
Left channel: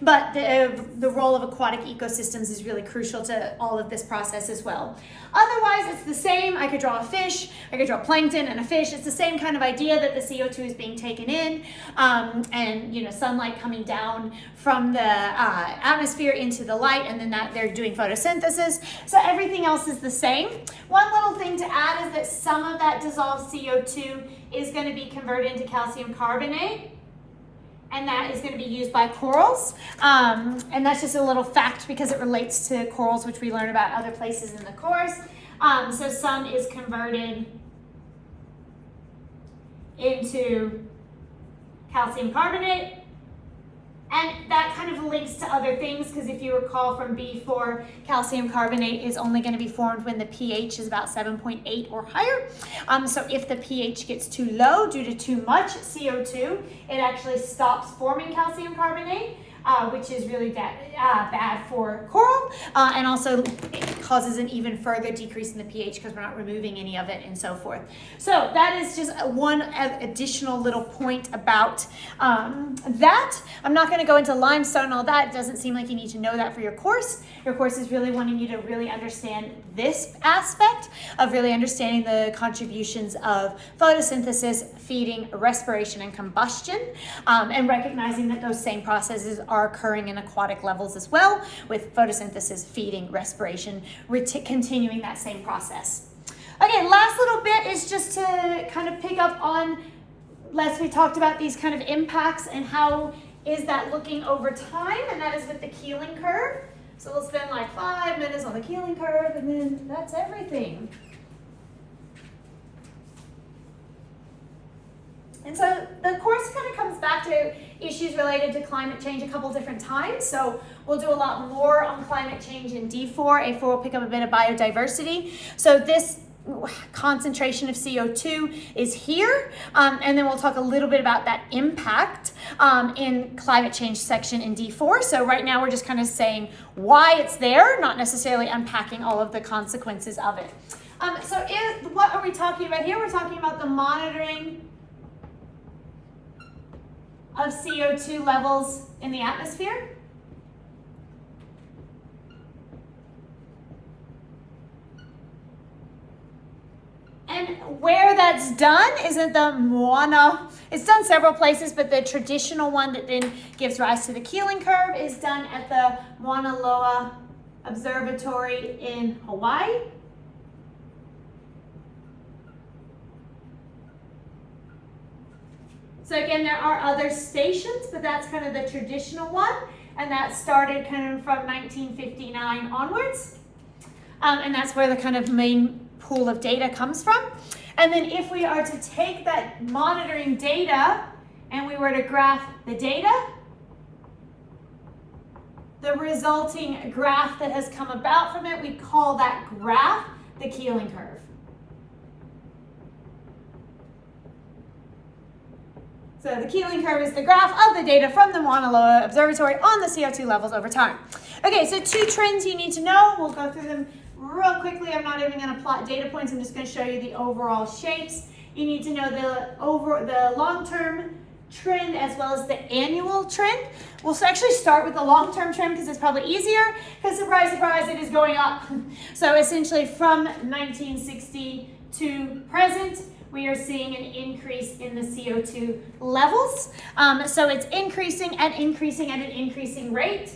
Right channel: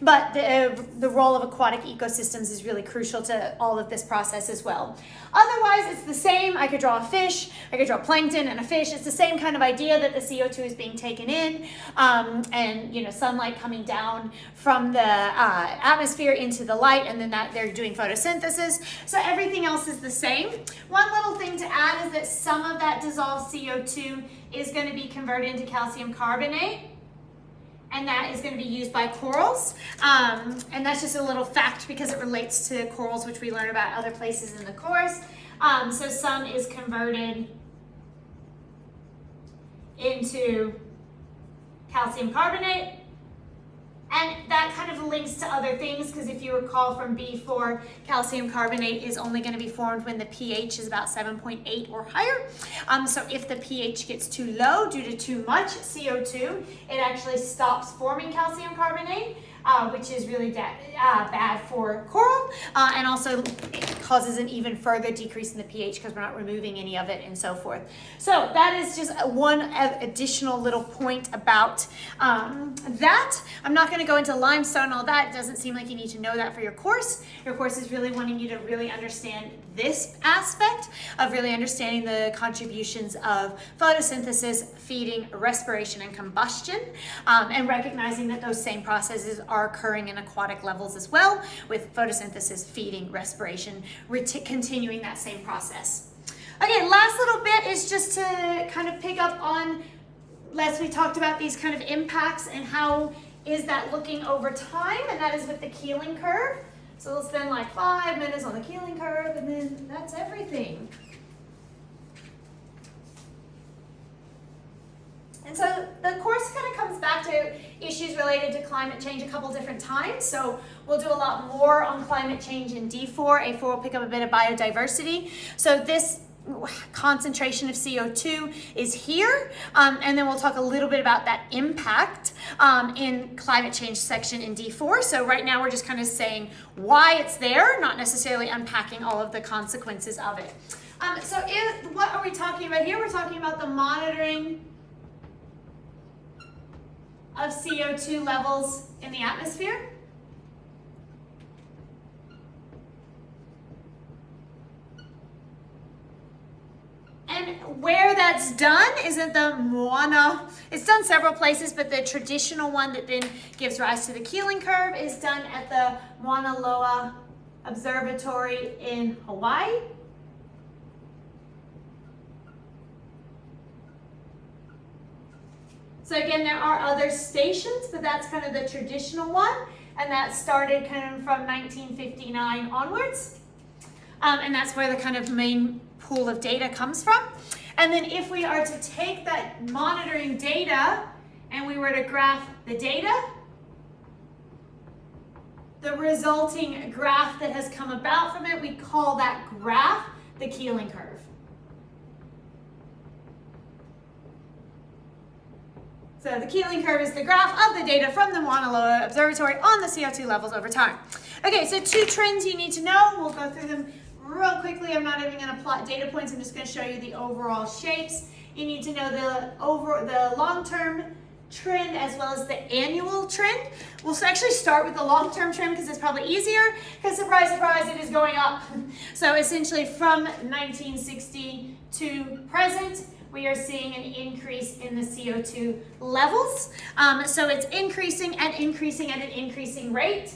but the role of aquatic ecosystems is really crucial to all of this process as well. Otherwise, it's the same. I could draw a fish, I could draw plankton and a fish. It's the same kind of idea that the CO2 is being taken in, and sunlight coming down from the atmosphere into the light, and then that they're doing photosynthesis. So everything else is the same. One little thing to add is that some of that dissolved CO2 is going to be converted into calcium carbonate, and that is going to be used by corals. And that's just a little fact because it relates to corals, which we learn about other places in the course. So some is converted into calcium carbonate. And that kind of links to other things, because if you recall from B4, calcium carbonate is only going to be formed when the pH is about 7.8 or higher. So if the pH gets too low due to too much CO2, it actually stops forming calcium carbonate, which is really bad for coral, and also it causes an even further decrease in the pH because we're not removing any of it and so forth. So that is just one additional little point about that. I'm not going to go into limestone and all that. It doesn't seem like you need to know that for your course. Your course is really wanting you to really understand this aspect of really understanding the contributions of photosynthesis, feeding, respiration, and combustion, and recognizing that those same processes are occurring in aquatic levels as well, with photosynthesis, feeding, respiration, continuing that same process. Okay, last little bit is just to kind of pick up on, we talked about these kind of impacts and how is that looking over time, and that is with the Keeling curve. So we'll spend like 5 minutes on the Keeling curve, and then that's everything. And so the course kind of comes back to issues related to climate change a couple different times. So we'll do a lot more on climate change in D4. A4 will pick up a bit of biodiversity. So this concentration of CO2 is here, and then we'll talk a little bit about that impact in climate change section in D4. So right now we're just kind of saying why it's there, not necessarily unpacking all of the consequences of it. What are we talking about here? We're talking about the monitoring of CO2 levels in the atmosphere. And where that's done is at the Moana It's done several places, but the traditional one that then gives rise to the Keeling curve is done at the Mauna Loa Observatory in Hawaii. So again, there are other stations, but that's kind of the traditional one, and that started kind of from 1959 onwards. And that's where the kind of main pool of data comes from. And then if we are to take that monitoring data and we were to graph the data, the resulting graph that has come about from it, we call that graph the Keeling curve. So the Keeling curve is the graph of the data from the Mauna Loa Observatory on the CO2 levels over time. Okay, so 2 trends you need to know. We'll go through them real quickly. I'm not even going to plot data points. I'm just going to show you the overall shapes. You need to know the long-term trend as well as the annual trend. We'll actually start with the long-term trend because it's probably easier, because surprise, surprise, it is going up. So essentially from 1960 to present, we are seeing an increase in the CO2 levels. So it's increasing and increasing at an increasing rate.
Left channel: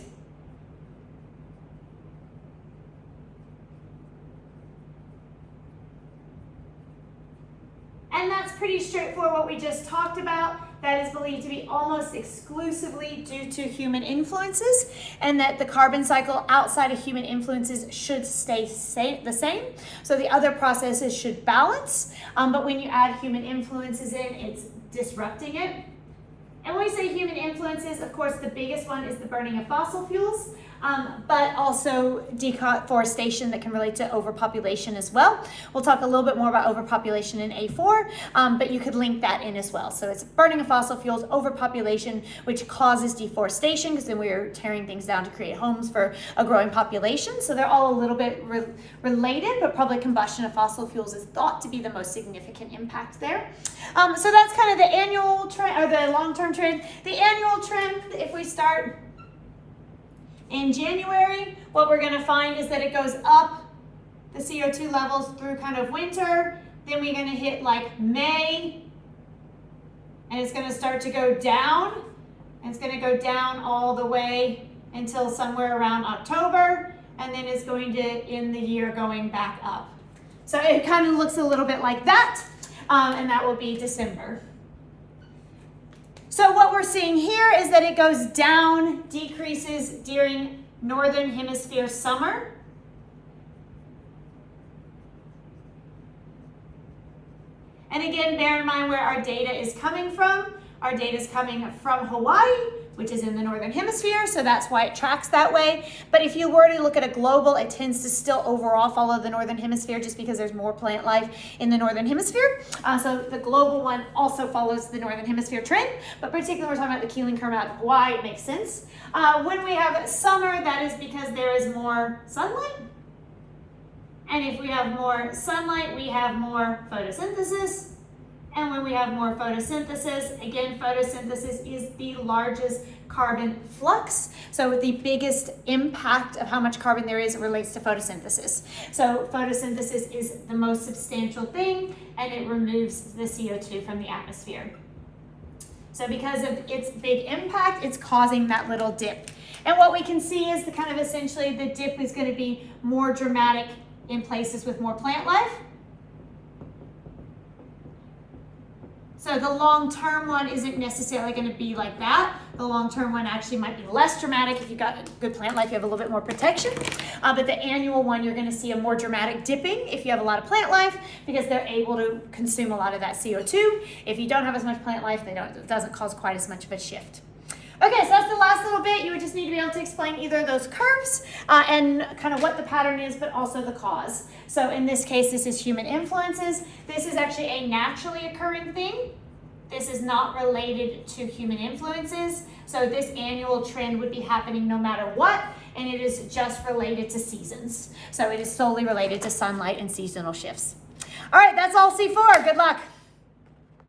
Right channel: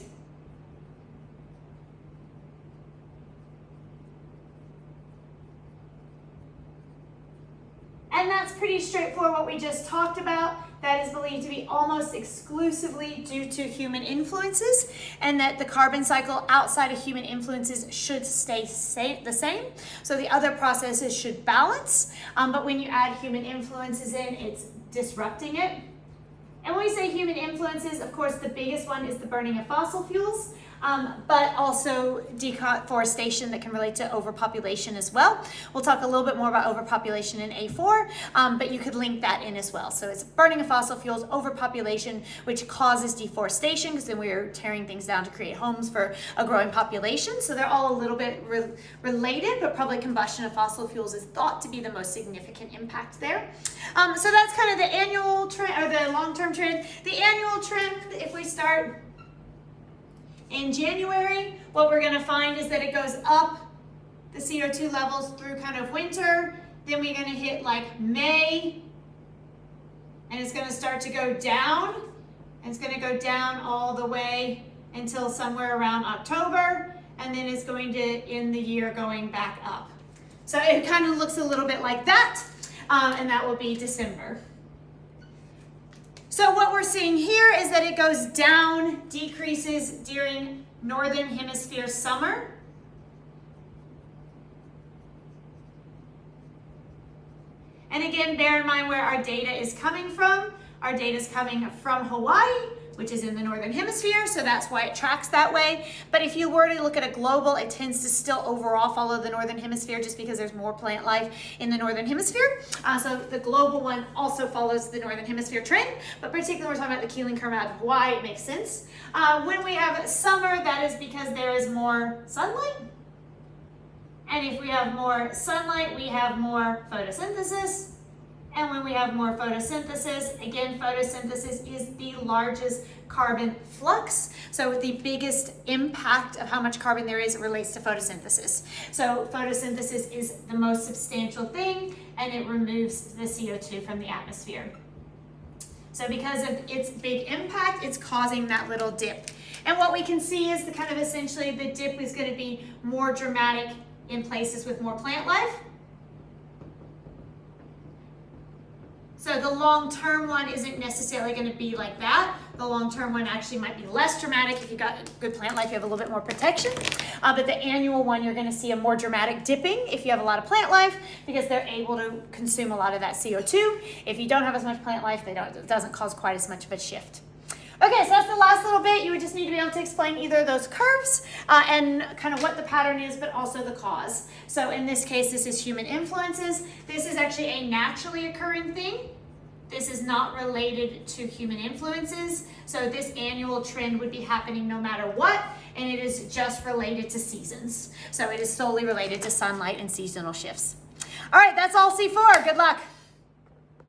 And that's pretty straightforward what we just talked about. That is believed to be almost exclusively due to human influences, and that the carbon cycle outside of human influences should stay the same. So the other processes should balance, but when you add human influences in, it's disrupting it. And when we say human influences, of course, the biggest one is the burning of fossil fuels, but also deforestation that can relate to overpopulation as well. We'll talk a little bit more about overpopulation in A4, but you could link that in as well. So it's burning of fossil fuels, overpopulation, which causes deforestation, because then we're tearing things down to create homes for a growing population. So they're all a little bit related, but public combustion of fossil fuels is thought to be the most significant impact there. So that's kind of the annual trend, or the long-term trend. The annual trend, if we start in January, what we're going to find is that it goes up, the CO2 levels, through kind of winter. Then we're going to hit like May, and it's going to start to go down. And it's going to go down all the way until somewhere around October, and then it's going to end the year going back up. So it kind of looks a little bit like that, and that will be December. So what we're seeing here is that it goes down, decreases during Northern Hemisphere summer. And again, bear in mind where our data is coming from. Our data is coming from Hawaii, which is in the Northern Hemisphere, so that's why it tracks that way. But if you were to look at a global, it tends to still overall follow the Northern Hemisphere, just because there's more plant life in the Northern Hemisphere. So the global one also follows the Northern Hemisphere trend, but particularly we're talking about the Keeling curve out of Hawaii, it makes sense. When we have summer, that is because there is more sunlight. And if we have more sunlight, we have more photosynthesis. And when we have more photosynthesis, again, photosynthesis is the largest carbon flux. So the biggest impact of how much carbon there is relates to photosynthesis. So photosynthesis is the most substantial thing, and it removes the CO2 from the atmosphere. So because of its big impact, it's causing that little dip. And what we can see is the kind of essentially the dip is going to be more dramatic in places with more plant life. So the long-term one isn't necessarily going to be like that. The long-term one actually might be less dramatic. If you've got good plant life, you have a little bit more protection. But the annual one, you're going to see a more dramatic dipping if you have a lot of plant life, because they're able to consume a lot of that CO2. If you don't have as much plant life, it doesn't cause quite as much of a shift. Okay, so that's the last little bit. You would just need to be able to explain either of those curves and kind of what the pattern is, but also the cause. So in this case, this is human influences. This is actually a naturally occurring thing. This is not related to human influences. So this annual trend would be happening no matter what, and it is just related to seasons. So it is solely related to sunlight and seasonal shifts. All right, that's all C4. Good luck.